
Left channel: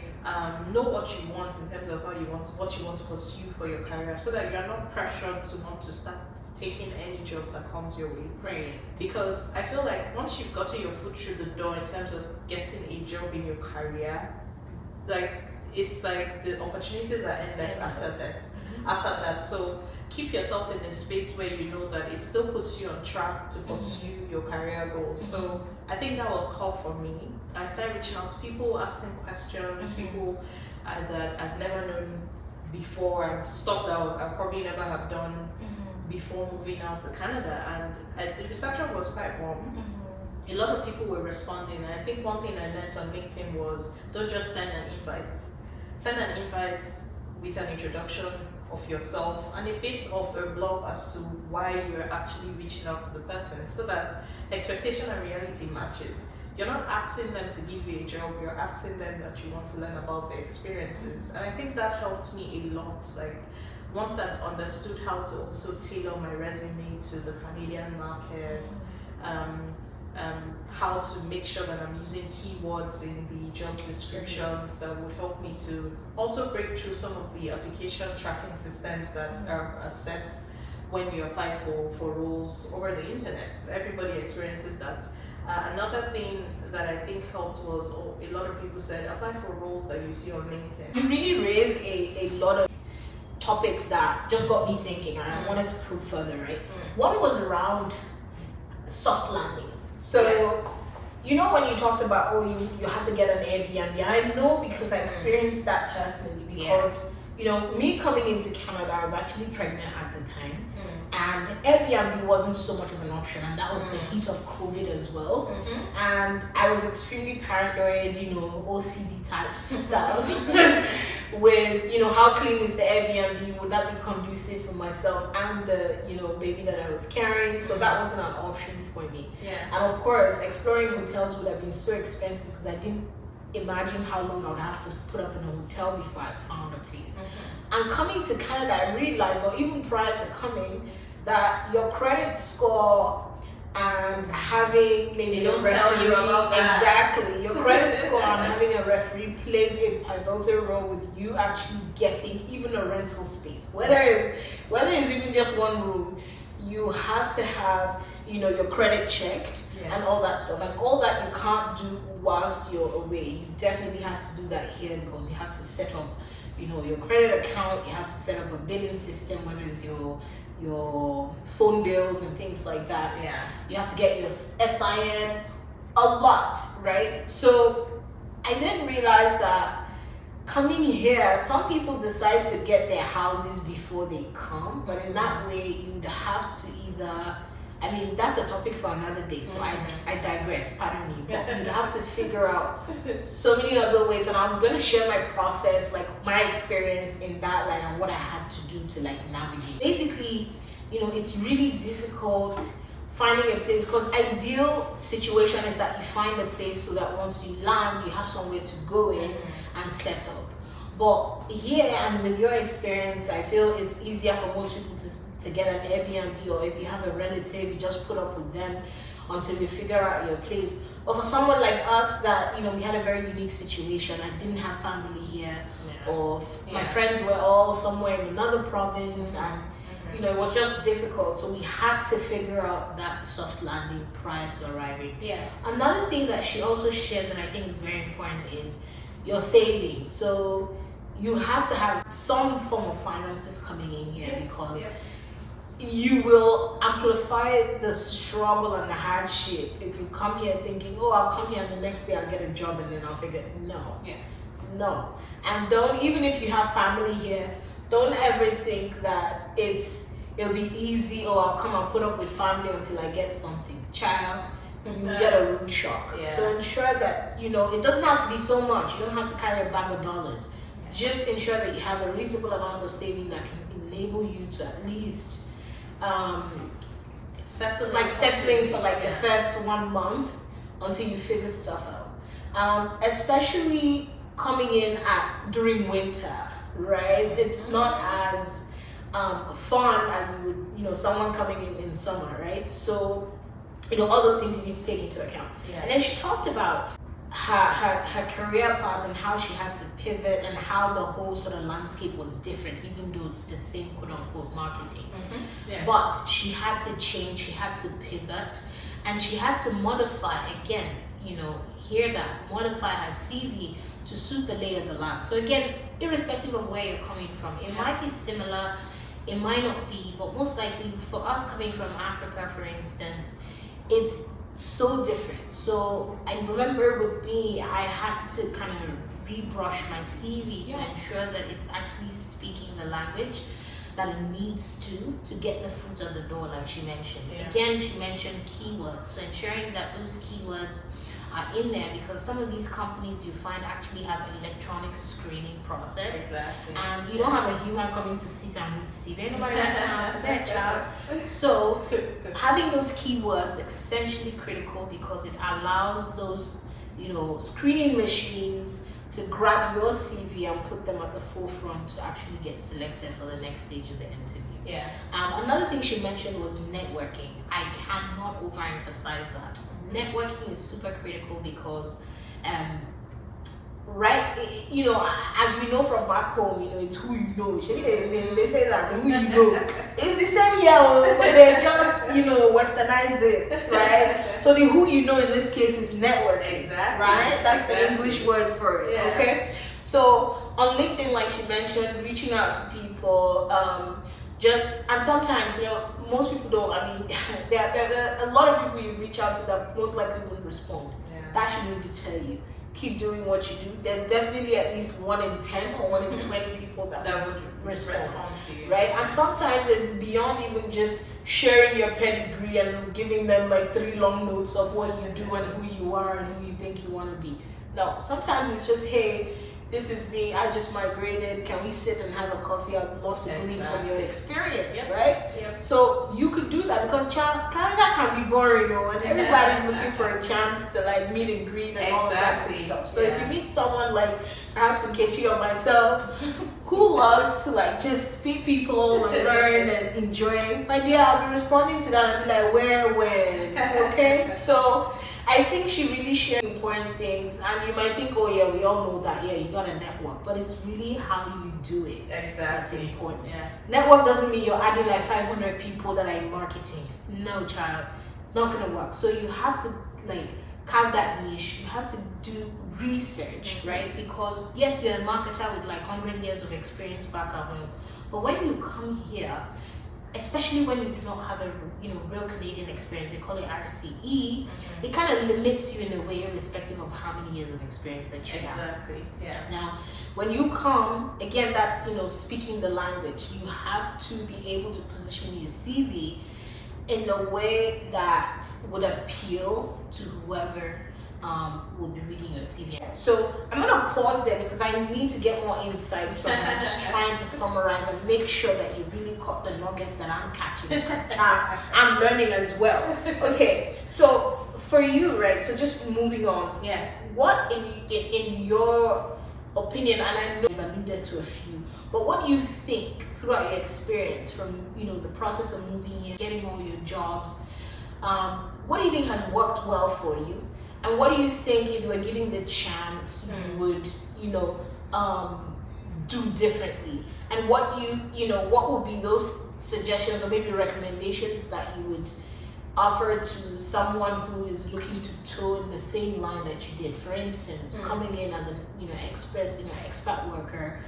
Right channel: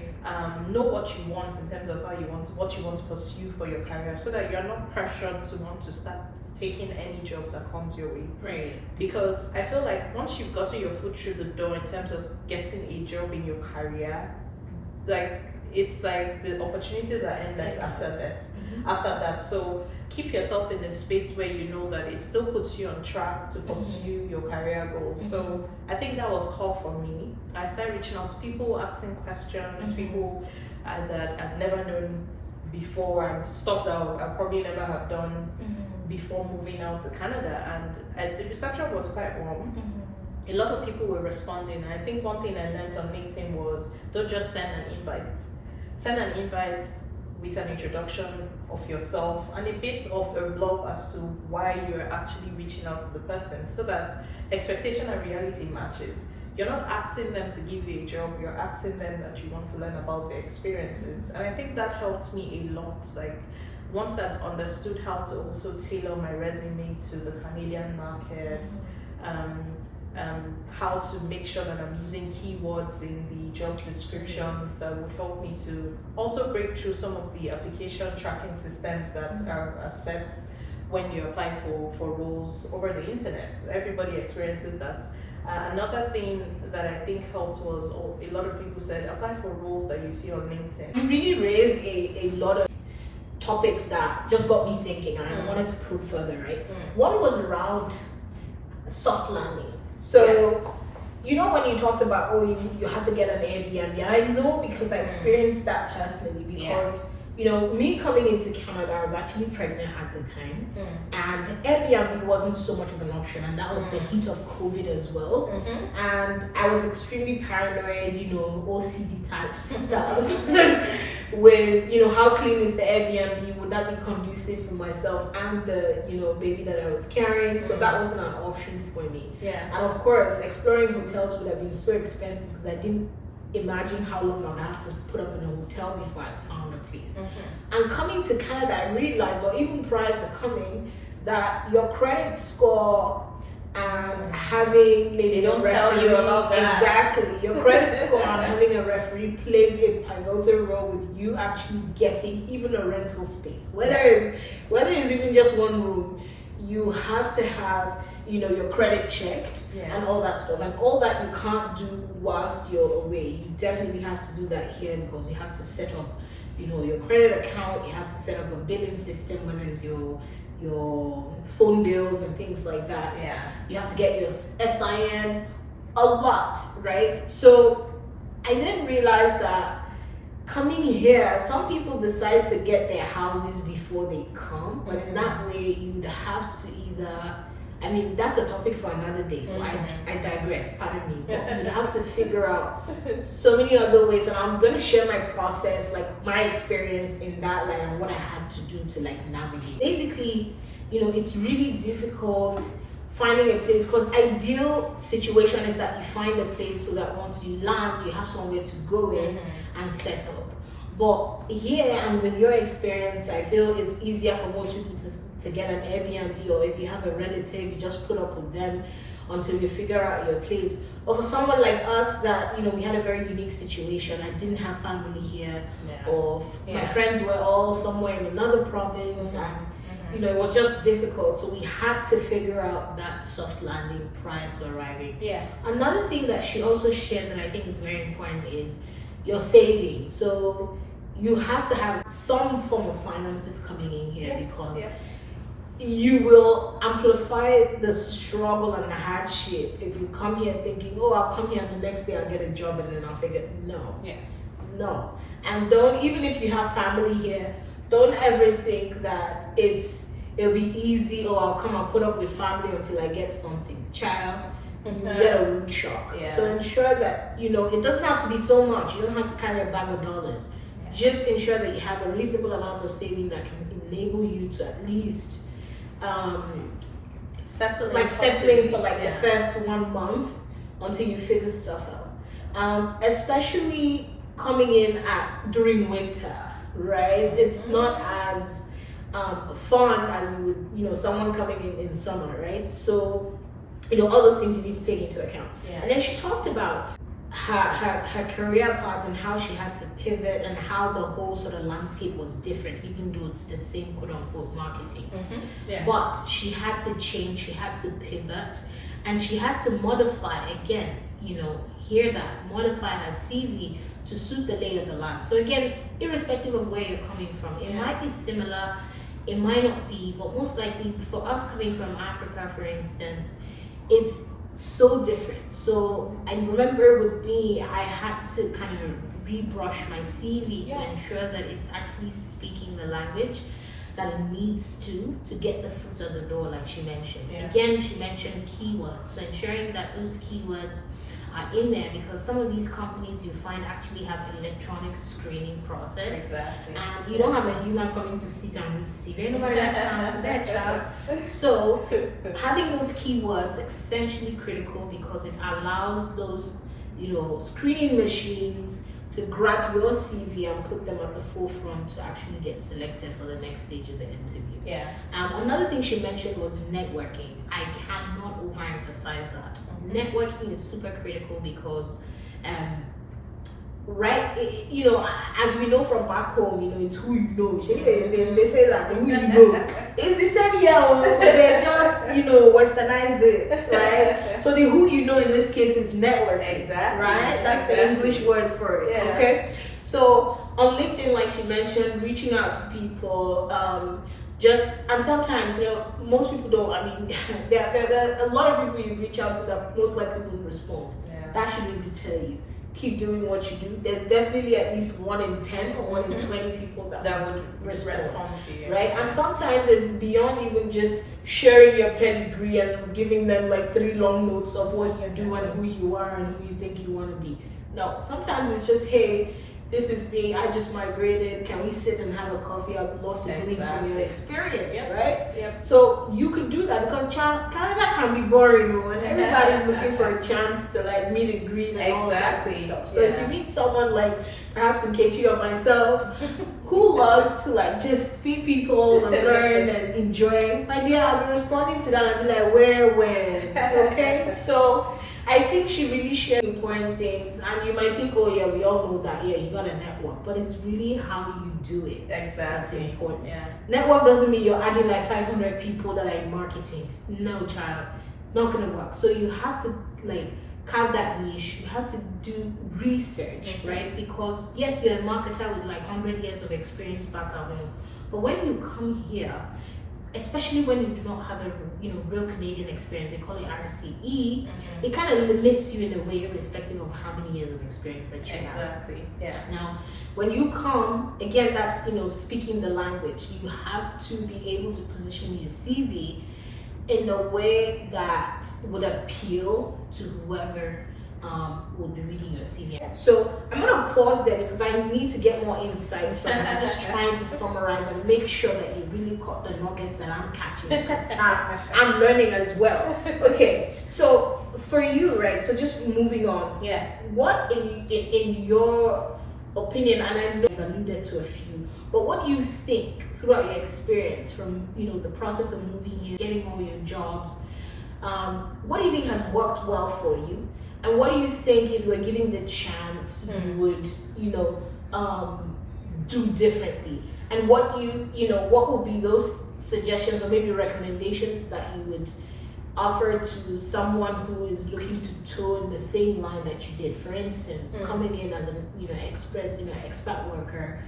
Know what you want in terms of what you want to pursue for your career, so that you're not pressured to want to start taking any job that comes your way. Right. Because I feel like once you've gotten your foot through the door in terms of getting a job in your career, like it's like the opportunities are endless after that. After that, so keep yourself in a space where you know that it still puts you on track to pursue your career goals. So I think that was called for me. I started reaching out to people, asking questions, people that I've never known before, and stuff that I probably never have done before moving out to Canada. And the reception was quite warm. A lot of people were responding, and I think one thing I learned on LinkedIn was don't just send an invite. Send an invite with an introduction of yourself and a bit of a blog as to why you're actually reaching out to the person, so that expectation and reality matches. You're not asking them to give you a job, you're asking them that you want to learn about their experiences. And I think that helped me a lot. Like once I'd understood how to also tailor my resume to the Canadian market, how to make sure that I'm using keywords in the job descriptions that would help me to also break through some of the application tracking systems that are set when you apply for roles over the internet. Everybody experiences that. Another thing that I think helped was a lot of people said apply for roles that you see on LinkedIn. You really raised a lot of topics that just got me thinking, and I wanted to probe further, right? One was around soft landing. So, you know, when you talked about, you had to get an Airbnb, I know because I experienced that personally, because, you know, me coming into Canada, I was actually pregnant at the time, and Airbnb wasn't so much of an option, and that was the heat of COVID as well. And I was extremely paranoid, you know, OCD type stuff with, you know, how clean is the Airbnb? Would that be conducive for myself and the, you know, baby that I was carrying? So that wasn't an option for me. And of course, exploring hotels would have been so expensive because I didn't imagine how long I would have to put up in a hotel before I found a place. And coming to Canada, I realized, or even prior to coming, that your credit score and having maybe they don't tell you about that. Exactly, your credit score and having a referee plays a pivotal role with you actually getting even a rental space, whether it's even just one room. You have to have, you know, your credit checked and all that stuff, and all that you can't do whilst you're away. You definitely have to do that here, because you have to set up, you know, your credit account. You have to set up a billing system, whether it's your phone bills and things like that. You have to get your SIN, a lot, right? So I didn't realize that coming here, some people decide to get their houses before they come, but in that way you'd have to either, I mean, that's a topic for another day, so I digress, pardon me, but you'd have to figure out so many other ways, and I'm going to share my process, like my experience in that light and what I had to do to like navigate. Basically, you know, it's really difficult finding a place, because ideal situation is that you find a place so that once you land, you have somewhere to go in and set up. But here, and with your experience, I feel it's easier for most people to get an Airbnb, or if you have a relative, you just put up with them until you figure out your place. But for someone like us that, you know, we had a very unique situation. I didn't have family here, or my friends were all somewhere in another province, and you know, it was just difficult. So we had to figure out that soft landing prior to arriving. Another thing that she also shared that I think is very important is your savings. So you have to have some form of finances coming in here, because you will amplify the struggle and the hardship if you come here thinking, oh, I'll come here and the next day I'll get a job and then I'll figure, no. And don't, even if you have family here, don't ever think that it'll be easy, or I'll come and put up with family until I get something. Child, you get a rude shock. So ensure that, you know, it doesn't have to be so much. You don't have to carry a bag of dollars. Just ensure that you have a reasonable amount of saving that can enable you to at least settling for like the first 1 month until you figure stuff out. Especially coming in during winter, right? It's not as fun as you would, someone coming in summer, right? So, all those things you need to take into account. Yeah. And then she talked about her career path and how she had to pivot and how the whole sort of landscape was different, even though it's the same quote unquote marketing. Yeah. But she had to change, she had to pivot, and she had to modify again, hear that, modify her CV to suit the lay of the land. So again, irrespective of where you're coming from, it might be similar, it might not be, but most likely for us coming from Africa, for instance, it's so different. So I remember with me, I had to kind of rebrush my CV to ensure that it's actually speaking the language that it needs to get the foot on the door, like she mentioned. Again, she mentioned keywords, so ensuring that those keywords are in there, because some of these companies you find actually have electronic screening process. Exactly. And you don't have a human coming to sit and read CV. Ain't nobody got time for that, child. So having those keywords essentially critical, because it allows those, screening machines to grab your CV and put them at the forefront to actually get selected for the next stage of the interview. Yeah. Another thing she mentioned was networking. I cannot overemphasize that. Networking is super critical because, as we know from back home, it's who you know. They say that, who you know. It's the same here, but they just, westernized it, right? So the who you know in this case is networking. Exactly. Right? That's the English word for it, okay? So on LinkedIn, like she mentioned, reaching out to people, and sometimes, most people don't, there are a lot of people you reach out to that most likely won't respond. Yeah. That shouldn't deter you. Keep doing what you do. There's definitely at least 1 in 10 or 1 in 20 people that would respond to you. right? And sometimes it's beyond even just sharing your pedigree and giving them like 3 long notes of what you do and who you are and who you think you want to be. No, sometimes it's just, hey, this is me, I just migrated, can we sit and have a coffee? I'd love to glean from your experience, right? Yep. So you could do that, because Canada can be boring, and everybody's looking for a chance to like meet and greet and all of that good stuff. So if you meet someone like perhaps Nkechi or myself who loves to like just meet people and learn and enjoy, my dear, I'll be responding to that and be like, where, when, okay? So I think she really shared important things, and you might think, oh yeah, we all know that, you got a network, but it's really how you do it. Exactly. That's important. Yeah. Network doesn't mean you're adding like 500 people that are in marketing. No, child, not gonna work. So you have to like carve that niche. You have to do research, right? Because yes, you're a marketer with like 100 years of experience back at home, but when you come here, especially when you do not have a real Canadian experience, they call it RCE, it kind of limits you in a way, irrespective of how many years of experience that you have. Exactly. Yeah. Now, when you come, again, that's speaking the language. You have to be able to position your CV in a way that would appeal to whoever will be reading your CV. So I'm gonna pause there because I need to get more insights from her. I'm just trying to summarize and make sure that you really caught the nuggets that I'm catching, because I'm learning as well. Okay, so for you, right? So just moving on. Yeah. What in your opinion, and I know you've alluded to a few, but what do you think throughout your experience from the process of moving here, getting all your jobs? What do you think has worked well for you? And what do you think, if you were given the chance, you would, do differently? And what what would be those suggestions or maybe recommendations that you would offer to someone who is looking to toe in the same line that you did? For instance, coming in as an expat worker,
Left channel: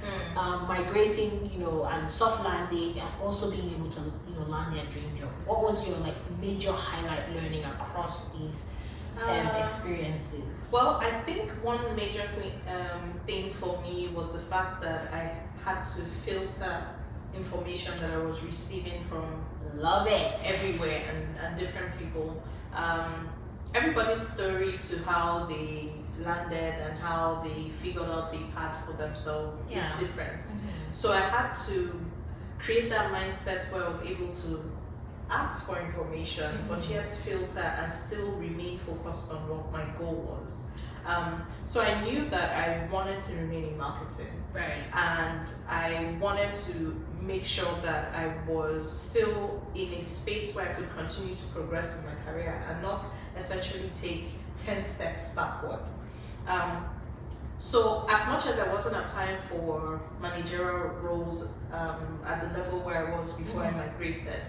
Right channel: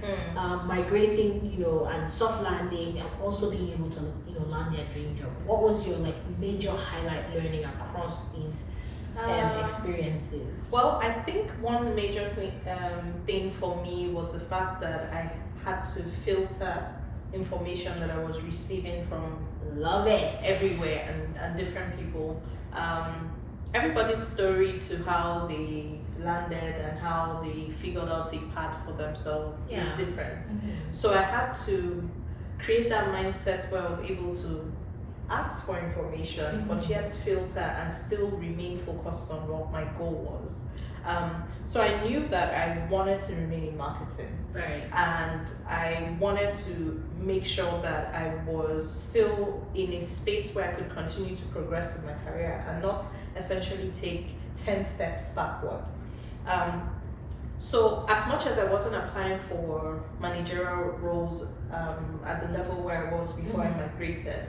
migrating, and soft landing, and also being able to land their dream job. What was your major highlight learning across these experiences? Well, I think one major thing for me was the fact that I had to filter information that I was receiving from everywhere and different people. Everybody's story to how they landed and how they figured out a path for themselves is different. So I had to create that mindset where I was able to ask for information, but yet filter and still remain focused on what my goal was. So I knew that I wanted to remain in marketing. Right. And I wanted to make sure that I was still in a space where I could continue to progress in my career and not essentially take 10 steps backward. So as much as I wasn't applying for managerial roles at the level where I was before I migrated,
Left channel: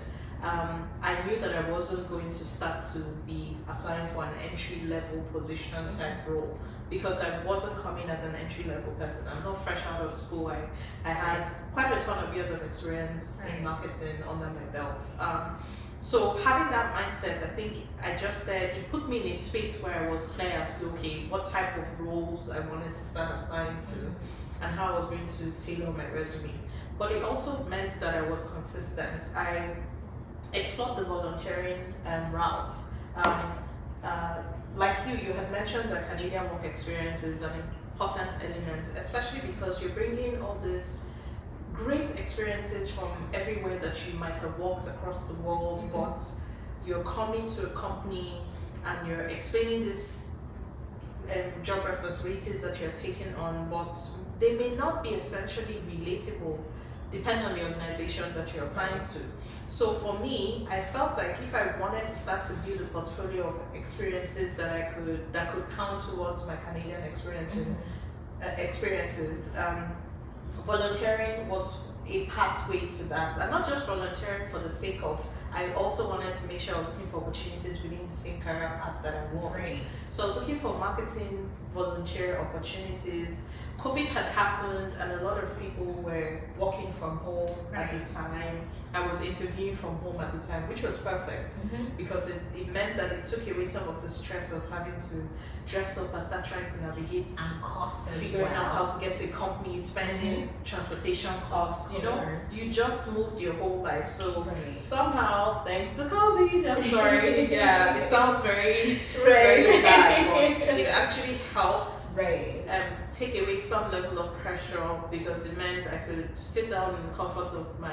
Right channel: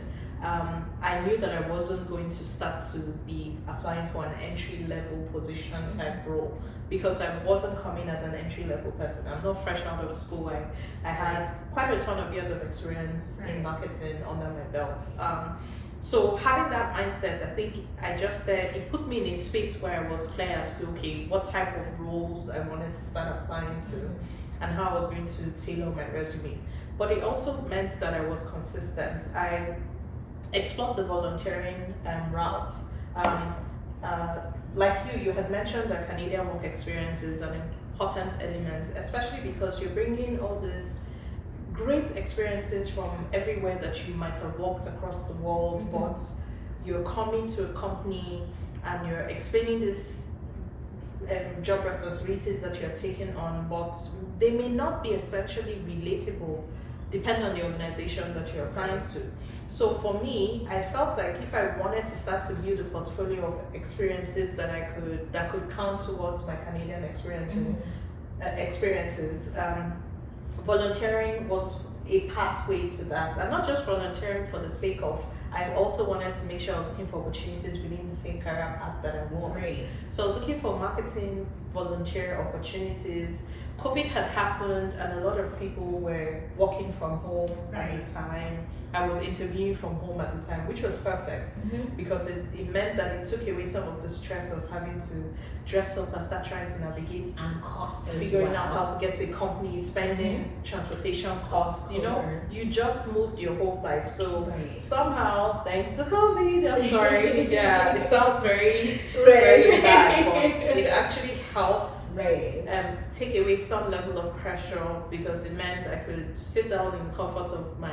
I knew that I wasn't going to start to be applying for an entry level position type role, because I wasn't coming as an entry level person. I'm not fresh out of school. I had quite a ton of years of experience in marketing under my belt. So having that mindset, I think it put me in a space where I was clear as to, okay, what type of roles I wanted to start applying to and how I was going to tailor my resume. But it also meant that I was consistent. I explored the volunteering route. Like you had mentioned that Canadian work experience is an important element, especially because you're bringing all these great experiences from everywhere that you might have walked across the world, but you're coming to a company and you're explaining this job responsibilities that you're taking on, but they may not be essentially relatable depending on the organization that you're applying to. So for me, I felt like if I wanted to start to build a portfolio of experiences that could count towards my Canadian experiences, volunteering was a pathway to that. And not just volunteering for the sake of, I also wanted to make sure I was looking for opportunities within the same career path that I was. Right. So I was looking for marketing volunteer opportunities. COVID had happened and a lot of people were working from home at the time. I was interviewing from home at the time, which was perfect because it meant that it took away some of the stress of having to dress up and start trying to navigate And cost as figuring well. out how to get to a company, spending transportation costs, you know, you just moved your whole life. So somehow, thanks to COVID, I'm sorry, yeah, it sounds very, very bad, but it actually helped take away some level of pressure because it meant I could sit down in the comfort of my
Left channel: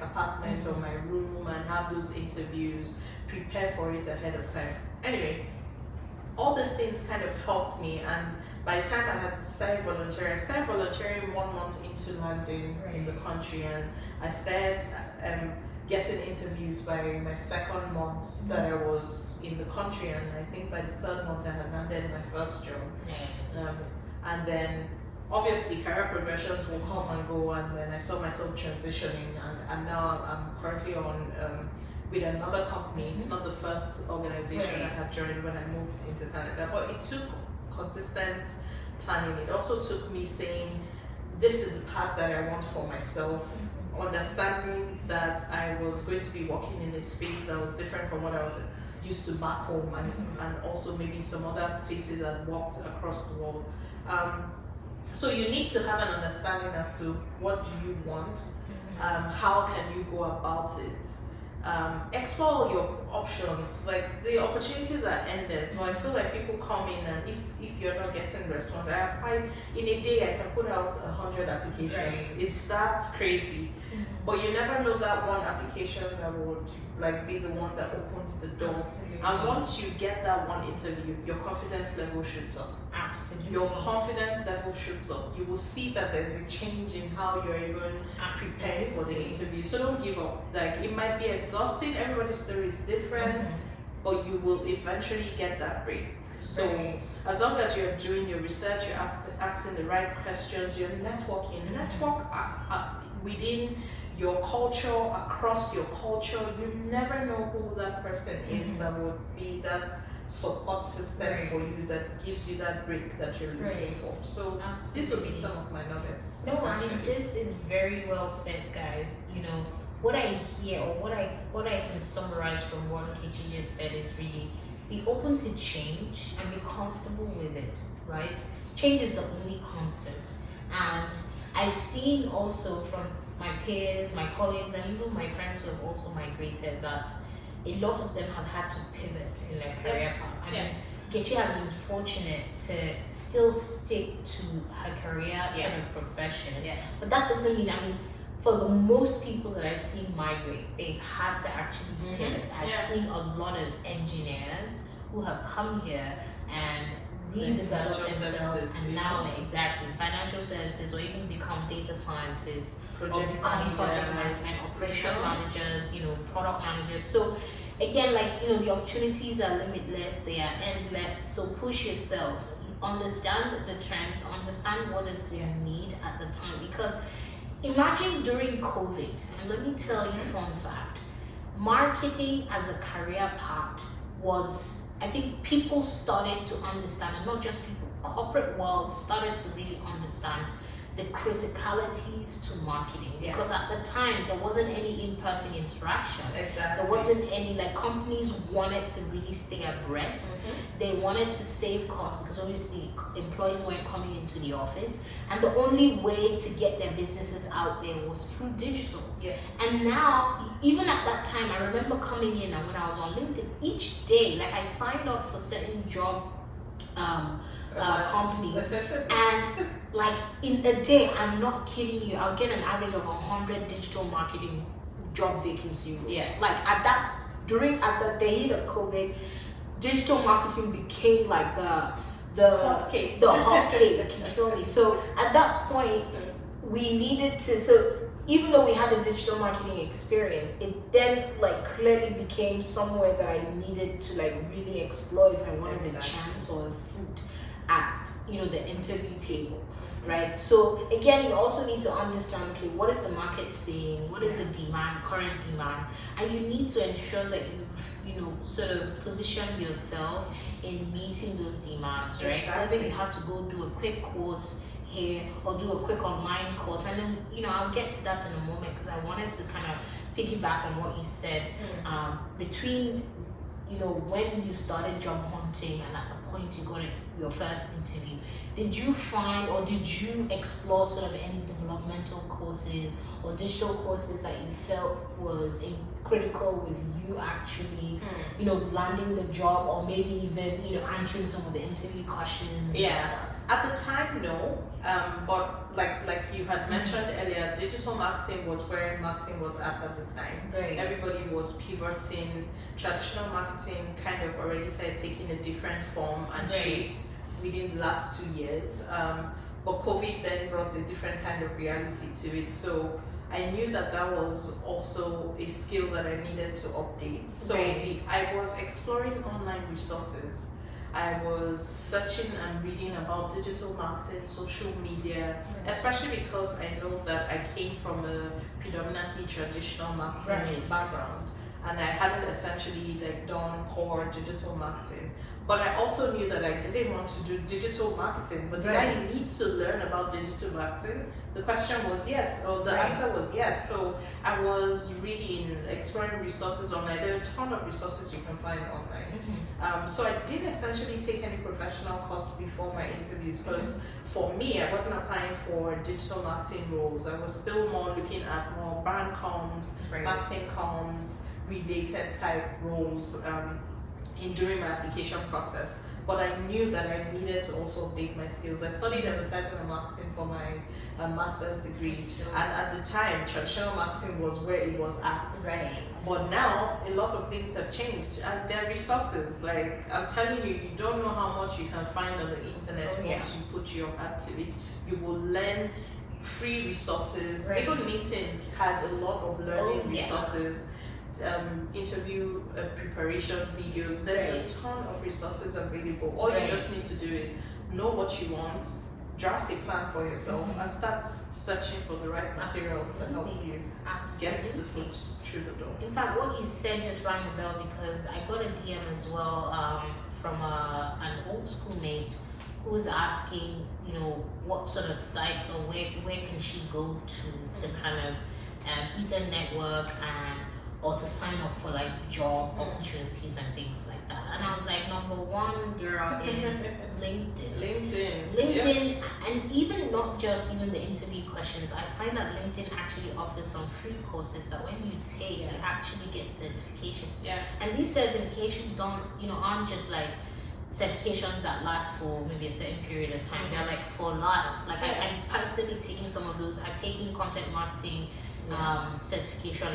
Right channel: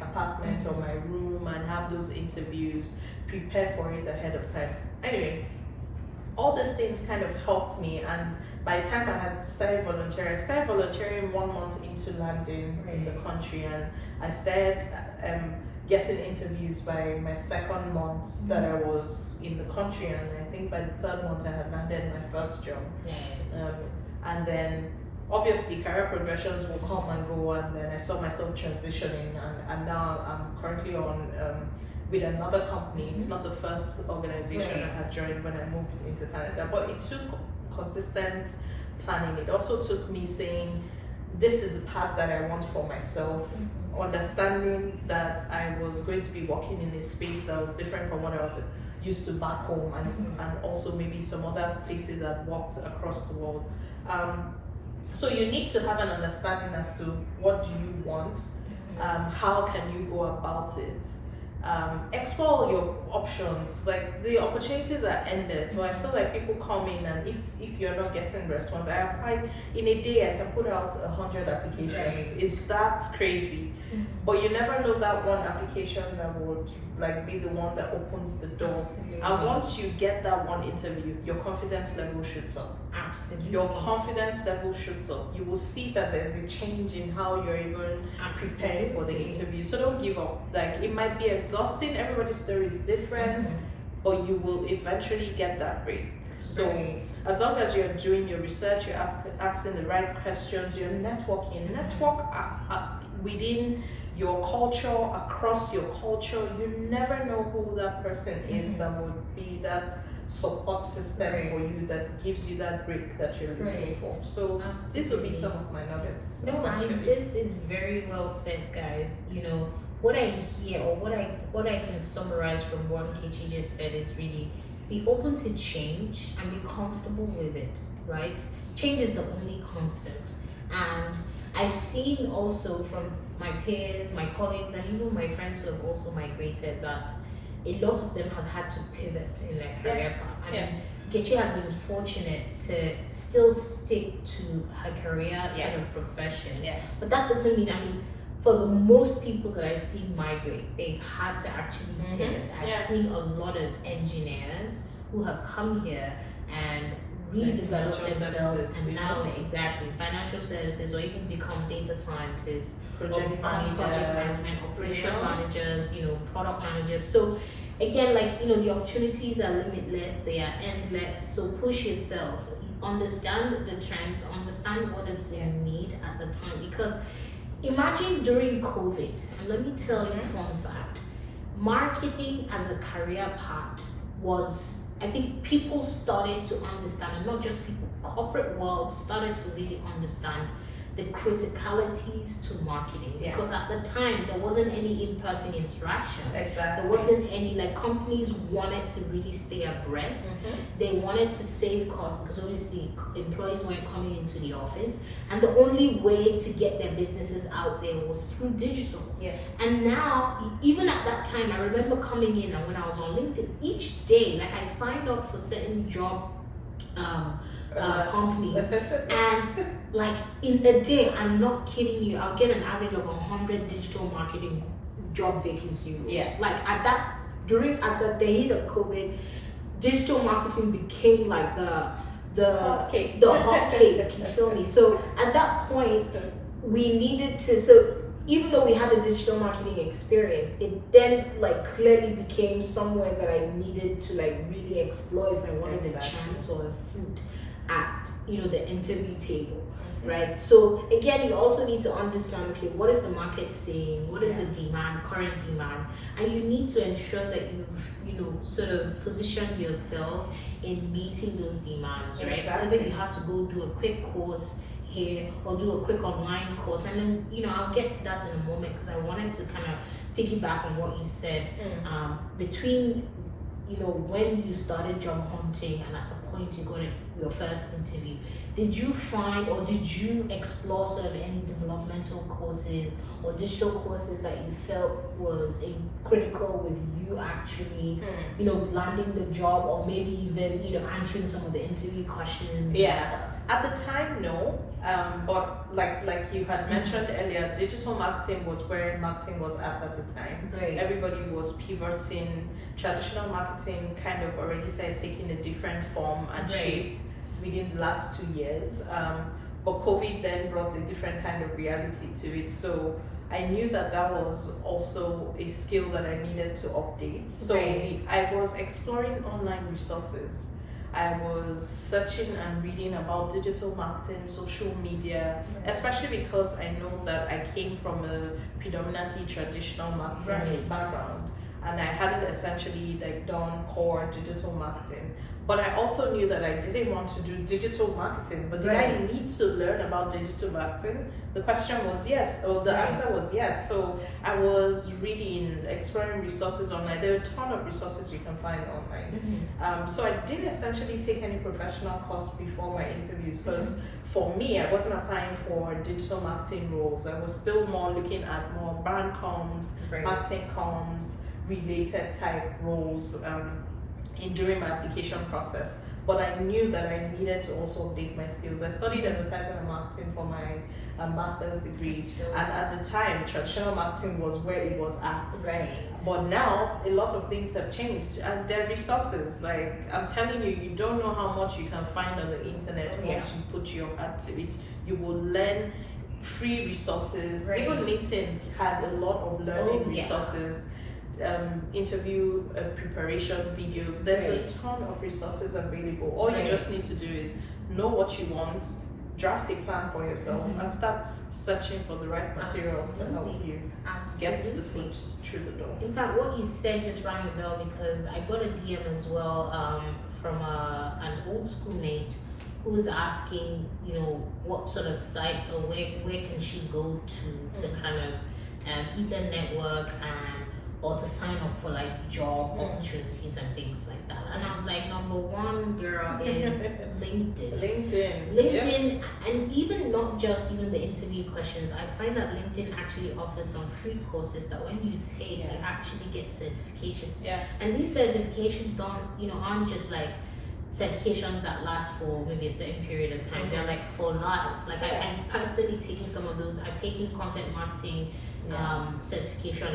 apartment or my room and have those interviews, prepare for it ahead of time. Anyway, all these things kind of helped me, and by the time I had started volunteering 1 month into landing in the country, and I started getting interviews by my second month that I was in the country, and I think by the third month I had landed my first job. And then obviously career progressions will come and go, and then I saw myself transitioning, and now I'm currently on with another company. It's not the first organization I had joined when I moved into Canada, but it took consistent planning. It also took me saying, this is the path that I want for myself, understanding that I was going to be working in a space that was different from what I was used to back home, and also maybe some other places I'd worked across the world. So you need to have an understanding as to what do you want, how can you go about it, explore your options. Like, the opportunities are endless. So I feel like people come in, and if you're not getting response, I apply in a day, I can put out 100 applications. It's that crazy, but you never know that one application that would be the one that opens the door. And once you get that one interview, your confidence level shoots up. Your confidence level shoots up. You will see that there's a change in how you're even preparing for the interview. So don't give up. Like, it might be exhausting, everybody's story is different, but you will eventually get that break. So as long as you're doing your research, you're asking the right questions, you're networking, network within your culture, across your culture. You never know who that person is that would be that support system for you, that gives you that break that you're looking for. So this would be some of my nuggets. This is very well said, guys. You know, what I hear, or what I can summarize from what Nkechi just said, is really be open to change and be comfortable with it, right? Change is the only constant. And I've seen also from my peers, my colleagues, and even my friends who have also migrated, that a lot of them have had to pivot in their career path. I mean, Nkechi has been fortunate to still stick to her career sort of profession. But that doesn't mean, for the most people that I've seen migrate, they've had to actually pivot. I've seen a lot of engineers who have come here and redevelop financial themselves, services, and now yeah. exactly financial services, or even become data scientists, or Project become project managers, management, operation yeah. managers, product managers. So again, like the opportunities are limitless, they are endless. So push yourself, understand the trends, understand what is in need at the time. Because imagine during COVID, and let me tell you, fun fact, marketing as a career path was, I think people started to understand, and not just people, corporate world started to really understand the criticalities to marketing. Yeah. Because at the time there wasn't any in-person interaction. Exactly. There wasn't any, like, companies wanted to really stay abreast. They wanted to save costs because obviously employees weren't coming into the office, and the only way to get their businesses out there was through digital. Yeah. And now, even at that time, I remember coming in, and when I was on LinkedIn, each day, like, I signed up for certain job companies, and like in a day, I'm not kidding you, I'll get an average of 100 digital marketing job vacancy roles. Yeah. Like at the height of COVID, digital marketing became like the hot cake, you feel me? So at that point, we needed to, so even though we had a digital marketing experience, it then like clearly became somewhere that I needed to like really explore if I wanted a chance or a foot at the interview table, right? So again, you also need to understand, okay, what is the market saying, what is the demand, current demand, and you need to ensure that you've sort of position yourself in meeting those demands, right? Exactly. Whether you have to go do a quick course here or do a quick online course, and then I'll get to that in a moment, because I wanted to kind of piggyback on what you said. Between when you started job hunting and at the point you got your first interview, did you find, or did you explore sort of any developmental courses or digital courses that you felt was critical with you actually landing the job, or maybe even answering some of the interview questions? Yeah. And stuff? At the time, no. But like you had mentioned earlier, digital marketing was where marketing was at the time. Right. Everybody was pivoting. Traditional marketing kind of already started taking a different form and shape within the last 2 years. But COVID then brought a different kind of reality to it. So I knew that was also a skill that I needed to update. So I was exploring online resources. I was searching and reading about digital marketing, social media, especially because I know that I came from a predominantly traditional marketing background, and I hadn't essentially done core digital marketing. But I also knew that I didn't want to do digital marketing. But did I need to learn about digital marketing? The question was yes, or the answer was yes. So I was reading, exploring resources online. There are a ton of resources you can find online. So I didn't essentially take any professional course before my interviews, because for me, I wasn't applying for digital marketing roles. I was still more looking at more brand comms, marketing comms, related type roles during my application process. But I knew that I needed to also update my skills. I studied advertising and marketing for my master's degree, and at the time, traditional marketing was where it was at. But now, a lot of things have changed, and there are resources. Like, I'm telling you, you don't know how much you can find on the internet once you put your heart to it. You will learn free resources. Even LinkedIn had a lot of learning resources. Interview preparation videos. There's a ton of resources available. All you just need to do is know what you want, draft a plan for yourself, and start searching for the right materials to help you get the foot through the door. In fact, what you said just rang a bell, because I got a DM as well from an old schoolmate who was asking, what sort of sites or where can she go to kind of either network or to sign up for like job opportunities and things like that. And I was like, number one, girl, is LinkedIn. LinkedIn, and even not just even the interview questions. I find that LinkedIn actually offers some free courses that when you take, you actually get certifications. And these certifications aren't just like certifications that last for maybe a certain period of time. They're like for life. Like I'm personally taking some of those. I've taken content marketing certification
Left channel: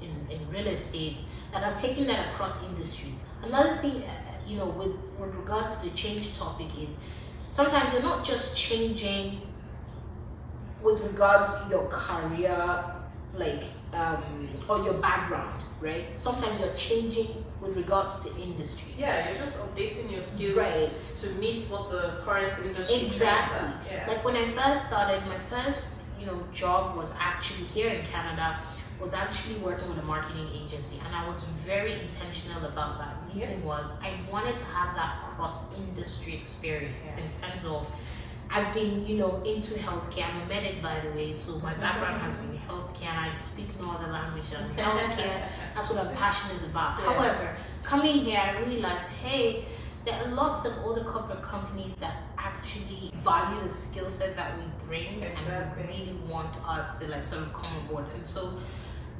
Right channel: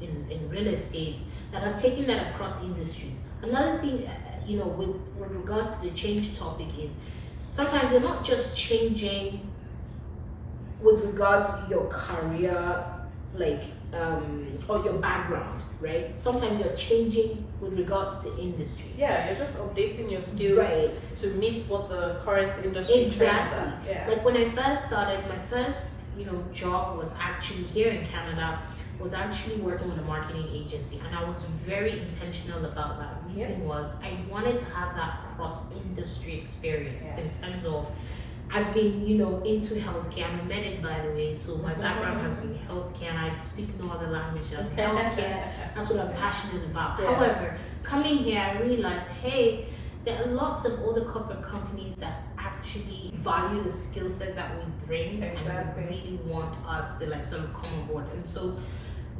in real estate, that are taking that across industries. Another thing, with regards to the change topic is sometimes you're not just changing with regards to your career, or your background, right? Sometimes you're changing with regards to industry. Yeah, you're just updating your skills Right. to meet what the current industry trends are. Yeah. Like when I first started, my first, job was actually here in Canada, was actually working with a marketing agency, and I was very intentional about that. Reason was I wanted to have that cross-industry experience in terms of I've been, into healthcare. I'm a medic, by the way, so my background has been healthcare, and I speak no other language than healthcare. That's what I'm passionate about. Yeah. However, coming here, I realized, hey, there are lots of other corporate companies that actually value the skill set that we bring and really want us to sort of come on board. And so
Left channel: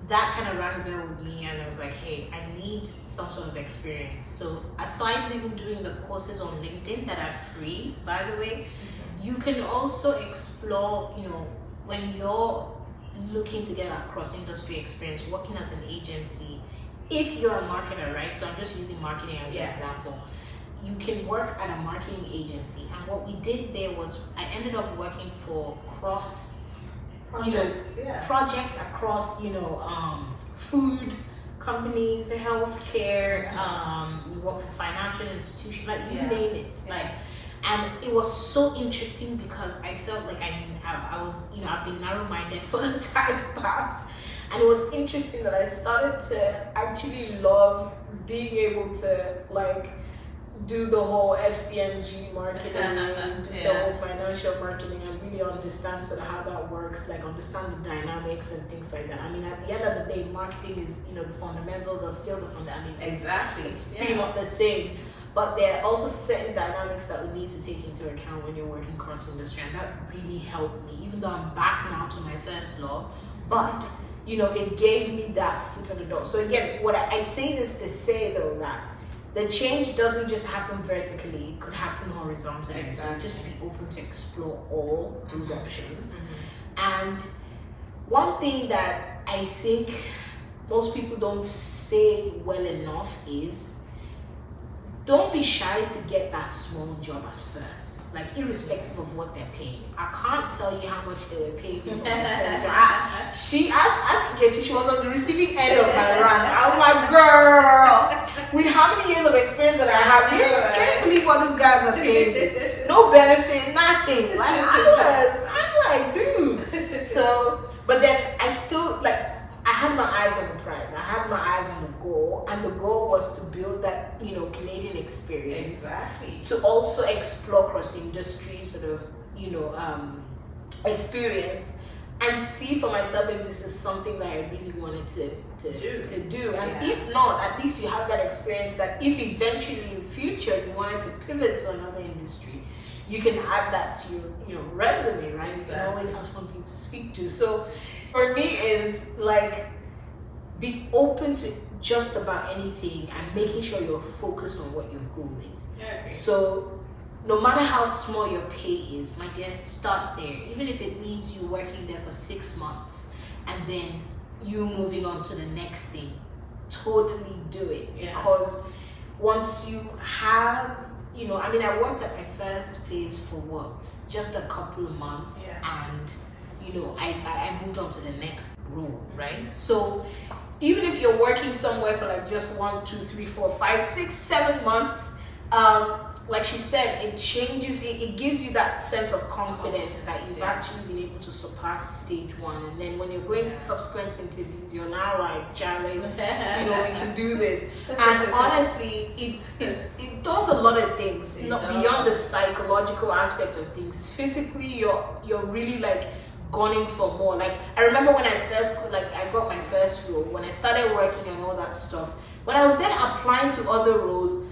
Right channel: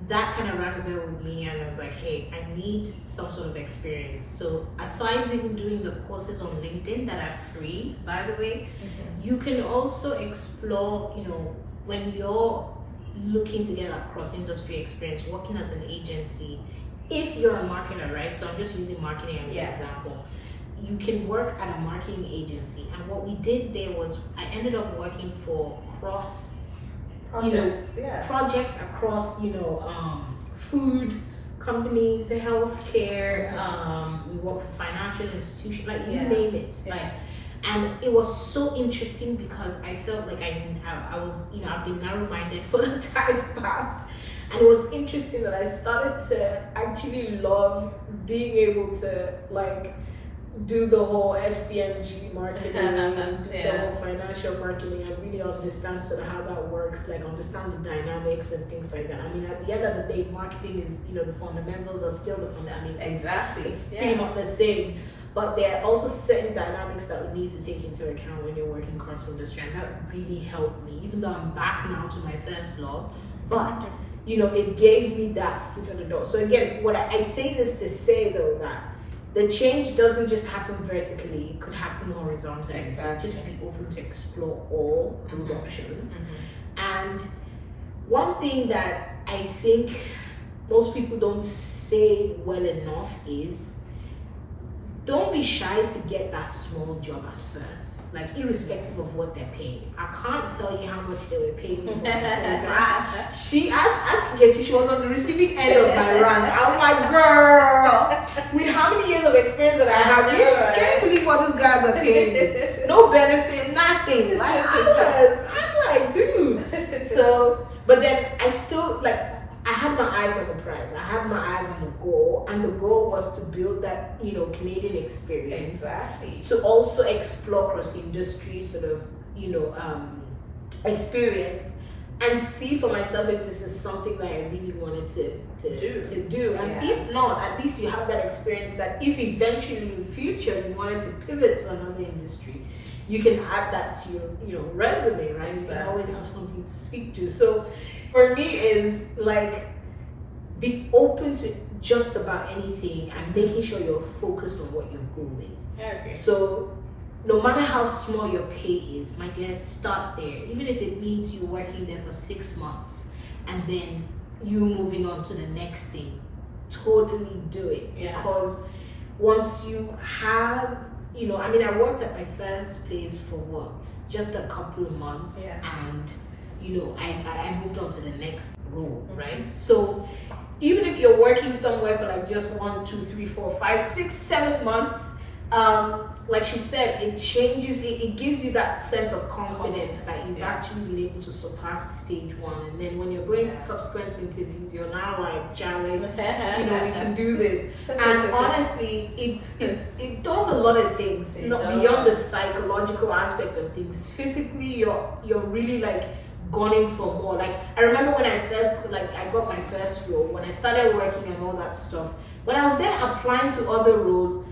that kind of rang a bell with me, and I was like, hey, I need some sort of experience. So aside even doing the courses on LinkedIn that are free, by the way, you can also explore, when you're looking to get a cross-industry experience, working as an agency, if you're a marketer, right? So I'm just using marketing as an example. You can work at a marketing agency, and what we did there was I ended up working for projects across, food companies, healthcare, we work for financial institutions, you name it. And it was so interesting because I felt like I was, I've been narrow-minded for the time past. And it was interesting that I started to actually love being able to do the whole FCMG marketing, do the whole financial marketing, and really understand sort of how that works, understand the dynamics and things like that. I mean, at the end of the day, marketing is, the fundamentals are still the fundamentals. Exactly. It's pretty much the same. But there are also certain dynamics that we need to take into account when you're working cross industry, and that really helped me, even though I'm back now to my first love. But it gave me that foot in the door. So again, what I say this to say though, that the change doesn't just happen vertically, it could happen horizontally. Exactly. So just be open to explore all those options. And one thing that I think most people don't say well enough is, don't be shy to get that small job at first, irrespective of what they're paying. I can't tell you how much they were paying me for my first job. She was on the receiving end of my rant. I was like, girl, with how many years of experience that I have, you can't believe what these guys are paying me. No benefit, nothing. I'm like, dude. So, but then I still, I had my eyes on the prize. I had my eyes on the goal, and the goal was to build that, Canadian experience. Exactly. To also explore cross-industry sort of, experience, and see for myself if this is something that I really wanted to do. And if not, at least you have that experience that if eventually in future you wanted to pivot to another industry, you can add that to your resume, right? You can always have something to speak to. So for me is be open to just about anything and making sure you're focused on what your goal is. So no matter how small your pay is, my dear, start there. Even if it means you working there for 6 months and then you moving on to the next thing, totally do it. Because once you have, I worked at my first place for just a couple of months, and I moved on to the next role, right? So even if you're working somewhere for just 1, 2, 3, 4, 5, 6, 7 months, like she said, it changes, it gives you that sense of confidence that you've actually been able to surpass stage 1. And then when you're going to subsequent interviews, you're now like, Charlie, we can do this. And honestly, it does a lot of things, beyond the psychological aspect of things. Physically, you're really gunning for more. I remember when I first I got my first role, when I started working and all that stuff, when I was then applying to other roles,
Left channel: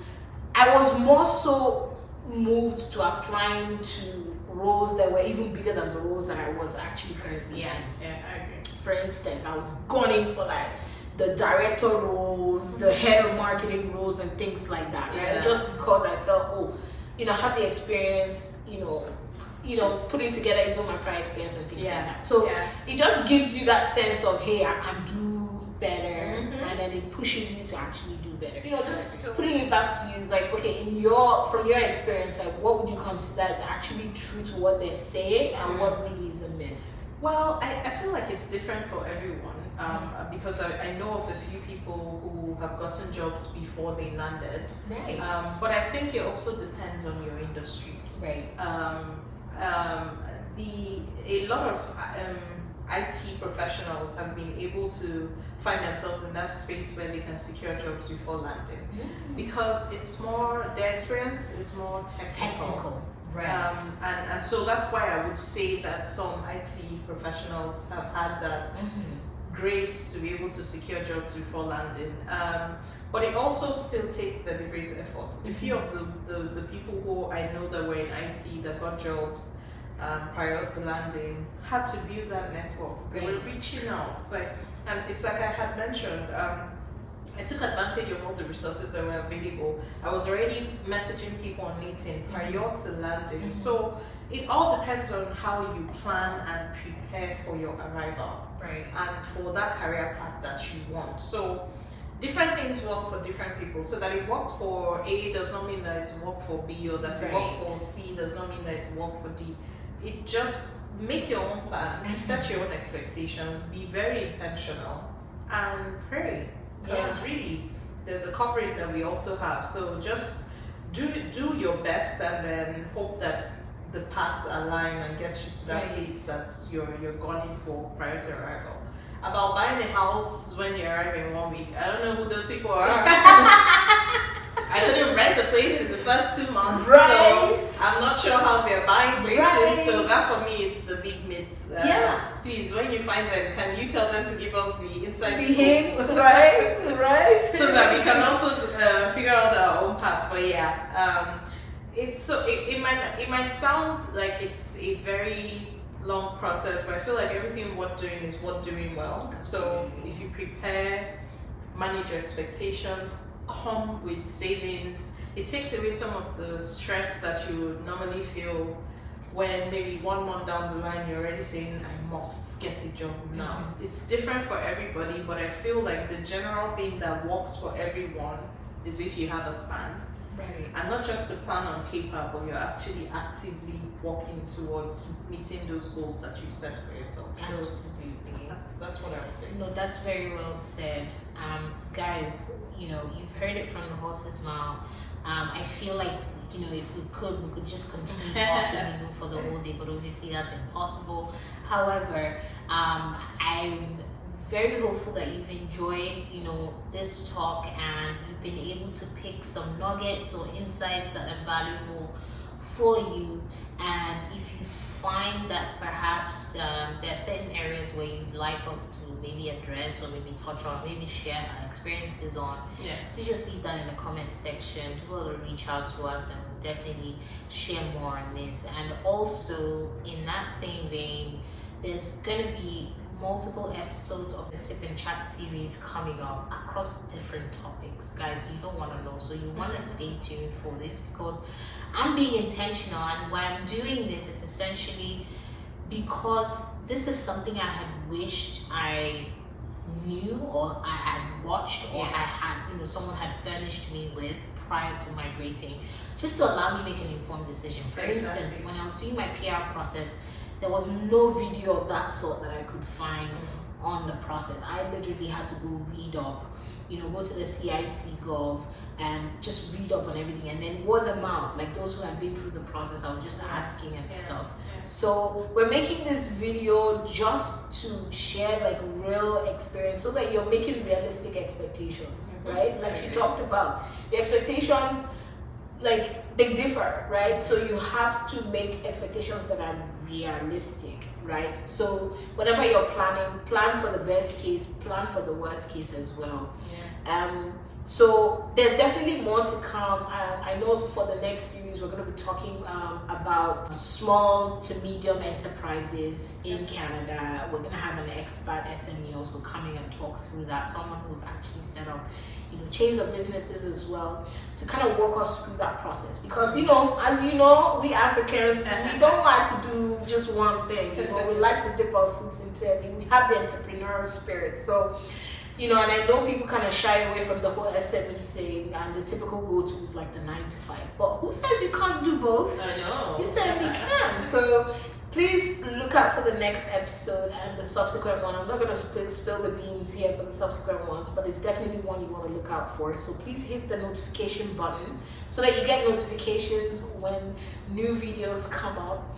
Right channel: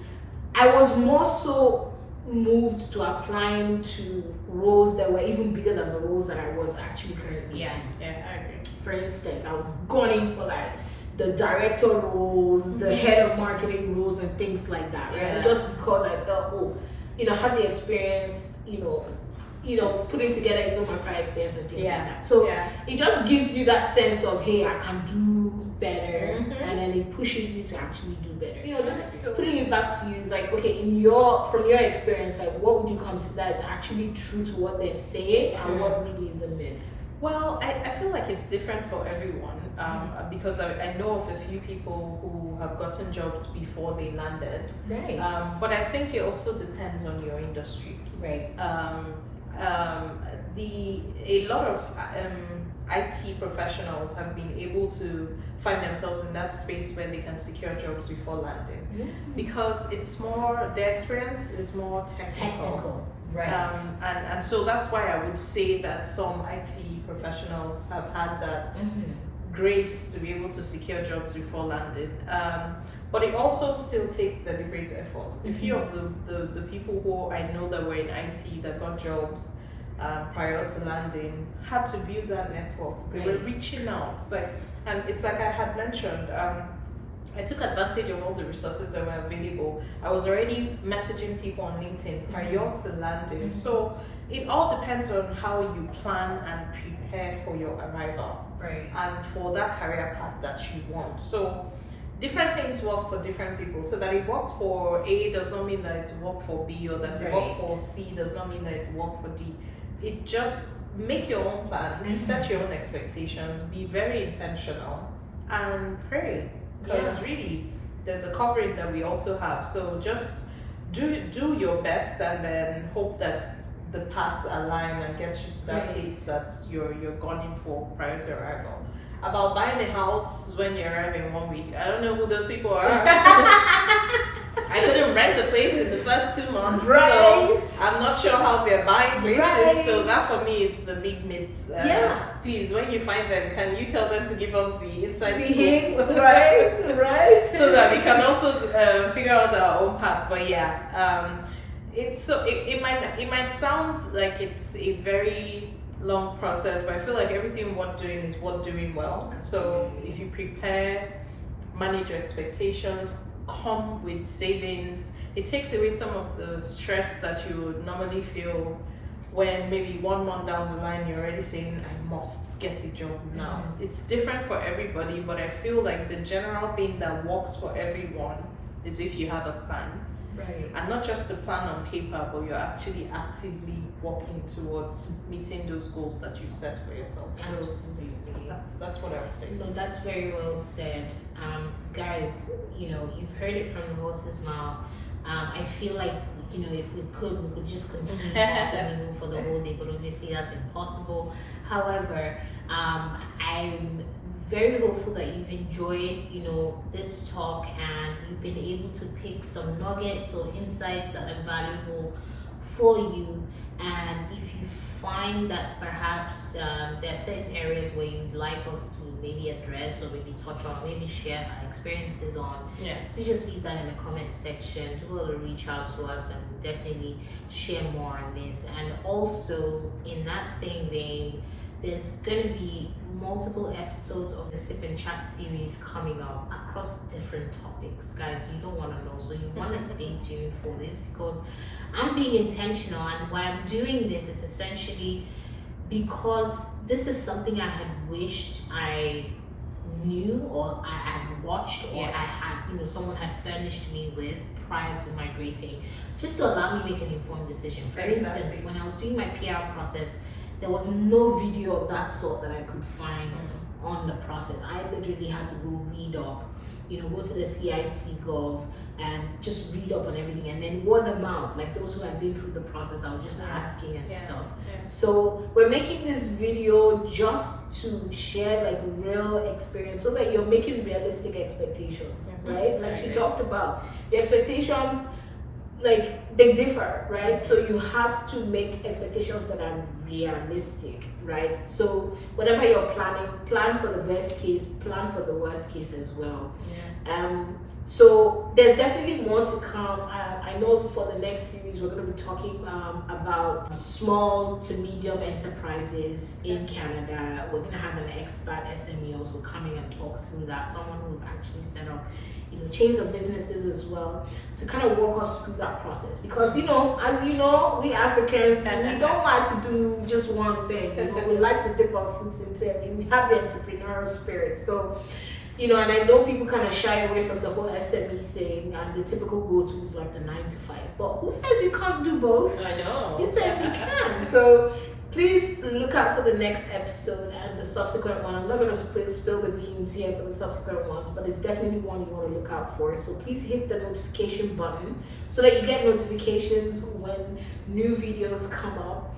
I was more so moved to applying to roles that were even bigger than the roles that I was actually currently in. I agree. For instance, I was gunning for the director roles, the head of marketing roles and things like that, right? Just because I felt, I had the experience, putting together even my prior experience and things like that. So it just gives you that sense of, hey, I can do better. better, and then it pushes you to actually do better. You know, just Sure. putting it back to you is like, okay, from your experience, like what would you consider is actually true to what they're saying, and what really is a myth? Well, I feel like it's different for everyone because I know of a few people who have gotten jobs before they landed. Right. But I think it also depends on your industry. Right. A lot of IT professionals have been able to find themselves in that space where they can secure jobs before landing because it's more, their experience is more technical. Right. And so that's why I would say that some IT professionals have had that grace to be able to secure jobs before landing. But it also still takes deliberate effort. A few of the people who I know that were in IT that got jobs prior to landing had to build that network. They were reaching out. It's like I had mentioned, I took advantage of all the resources that were available. I was already messaging people on LinkedIn prior to landing. So it all depends on how you plan and prepare for your arrival. Right. And for that career path that you want. So different things work for different people. So that it worked for A does not mean that it worked for B, or that it worked for C does not mean that it worked for D. It just make your own plan, set your own expectations, be very intentional, and pray. Because really, there's a covering that we also have. So just do your best, and then hope that the paths align and get you to that place that you're gunning for prior to arrival. About buying a house when you arrive in 1 week, I don't know who those people are. I couldn't rent a place in the first 2 months, so I'm not sure how they're buying places. So that for me, it's the big myth. Please, when you find them, can you tell them to give us the inside hints, right? So that we can also figure out our own paths. But it might sound like it's a very long process, but I feel like everything worth doing is worth doing well. So if you prepare, manage your expectations, come with savings, it takes away some of the stress that you would normally feel when maybe 1 month down the line you're already saying, I must get a job now. It's different for everybody, but I feel like the general thing that works for everyone is if you have a plan. Right. And not just the plan on paper, but you're actually actively working towards meeting those goals that you've set for yourself. Absolutely. That's what I would say. No, that's very well said. Guys, you've heard it from the horse's mouth. I feel like, if we could just continue talking even for the whole day, but obviously that's impossible. However, I'm very hopeful that you've enjoyed, this talk, and you've been able to pick some nuggets or insights that are valuable for you. And if you find that perhaps there are certain areas where you'd like us to maybe address or maybe touch on, maybe share our experiences on, please just leave that in the comment section. To be able to reach out to us, and we'll definitely share more on this. And also, in that same vein, there's going to be multiple episodes of the Sip and Chat series coming up across different topics. Guys, you don't want to know, so you want to stay tuned for this, because I'm being intentional, and why I'm doing this is essentially because this is something I had wished I knew, or I had watched, or I had, someone had furnished me with prior to migrating, just to allow me to make an informed decision. For instance, when I was doing my PR process, there was no video of that sort that I could find on the process. I literally had to go read up, go to the CIC Gov and just read up on everything, and then word of mouth, like those who had been through the process, I was just asking and stuff. So we're making this video just to share like real experience, so that you're making realistic expectations, right? Like she talked about, your expectations, like they differ, right? So you have to make expectations that are realistic, right? So whatever you're planning, plan for the best case, plan for the worst case as well. So there's definitely more to come. I know for the next series we're going to be talking about small to medium enterprises in Canada. We're going to have an expert SME also coming and talk through that, someone who's actually set up chains of businesses as well, to kind of walk us through that process. Because as you know, we Africans, we don't like to do just one thing. We like to dip our foot into it. We have the entrepreneurial spirit. So you know, and I know people kind of shy away from the whole SME thing, and the typical go-to is like the 9 to 5. But who says you can't do both? I know. You said you can. So please look out for the next episode and the subsequent one. I'm not going to spill the beans here for the subsequent ones, but it's definitely one you want to look out for. So please hit the notification button so that you get notifications when new videos come up.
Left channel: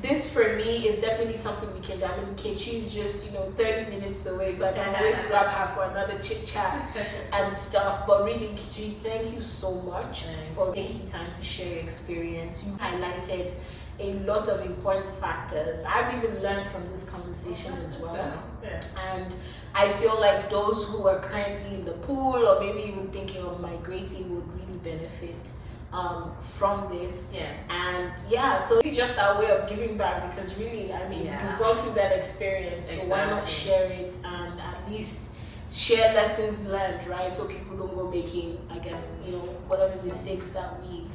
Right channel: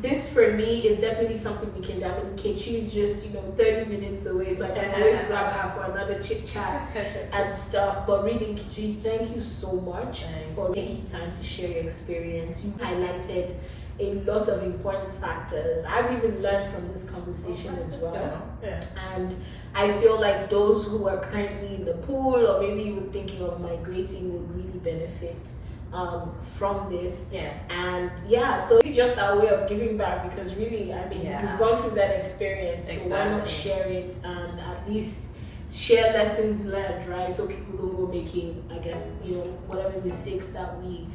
This for me is definitely something we can do. I mean, Nkechi is just, you know, 30 minutes away, so I can always grab her for another chit chat and stuff. But really, Nkechi, thank you so much for taking time to share your experience. You highlighted a lot of important factors. I've even learned from this conversation as well. Yeah. And I feel like those who are currently in the pool or maybe even thinking of migrating would really benefit from this. Yeah. And yeah, so it's just our way of giving back, because really, I mean, we've gone through that experience, so why not share it and at least share lessons learned, right? So people don't go making, I guess, you know, whatever mistakes that we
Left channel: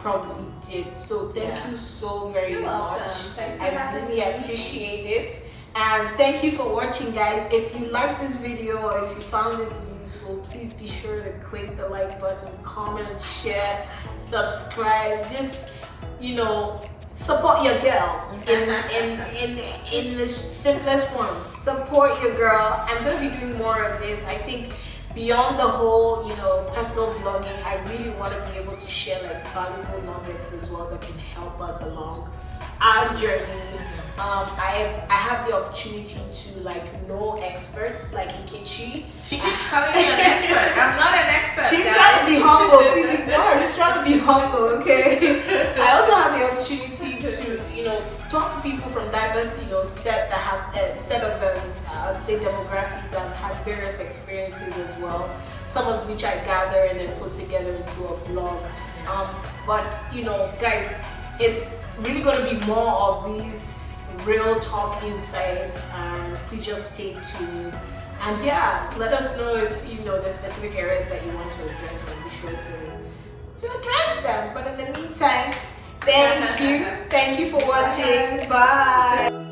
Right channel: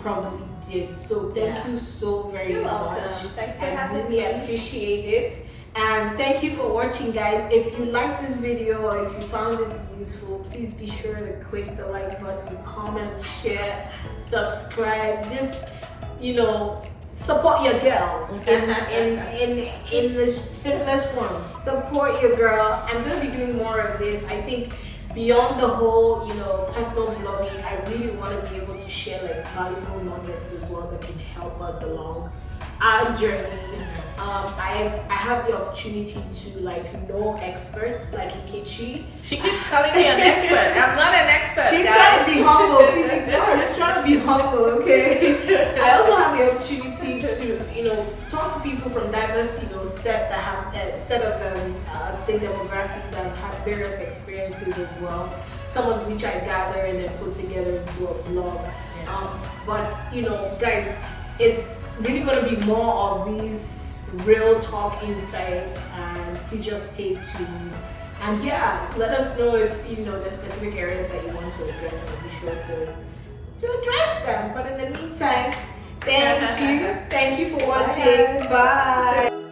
probably did. So thank you so very much. Thanks for I having really me. appreciate it. And thank you for watching, guys. If you like this video or if you found this useful, please be sure to click the like button, comment, share, subscribe. Just, you know, support your girl in the simplest form. Support your girl. I'm gonna be doing more of this. I think beyond the whole, you know, personal vlogging, I really want to be able to share like valuable nuggets as well that can help us along our journey. I have the opportunity to like know experts like Nkechi. She keeps calling me an expert. I'm not an expert. She's guys. trying to be humble. Please ignore her. She's trying to be humble, okay? I also have the opportunity to, you know, talk to people from diverse, you know, set of I'd say demographic that have had various experiences as well. Some of which I gather and then put together into a vlog. But you know, guys, it's really going to be more of these real talk insights, and please just stay tuned. And yeah, let us know if you know the specific areas that you want to address, and be sure to address them. But in the meantime, thank you for watching. Bye.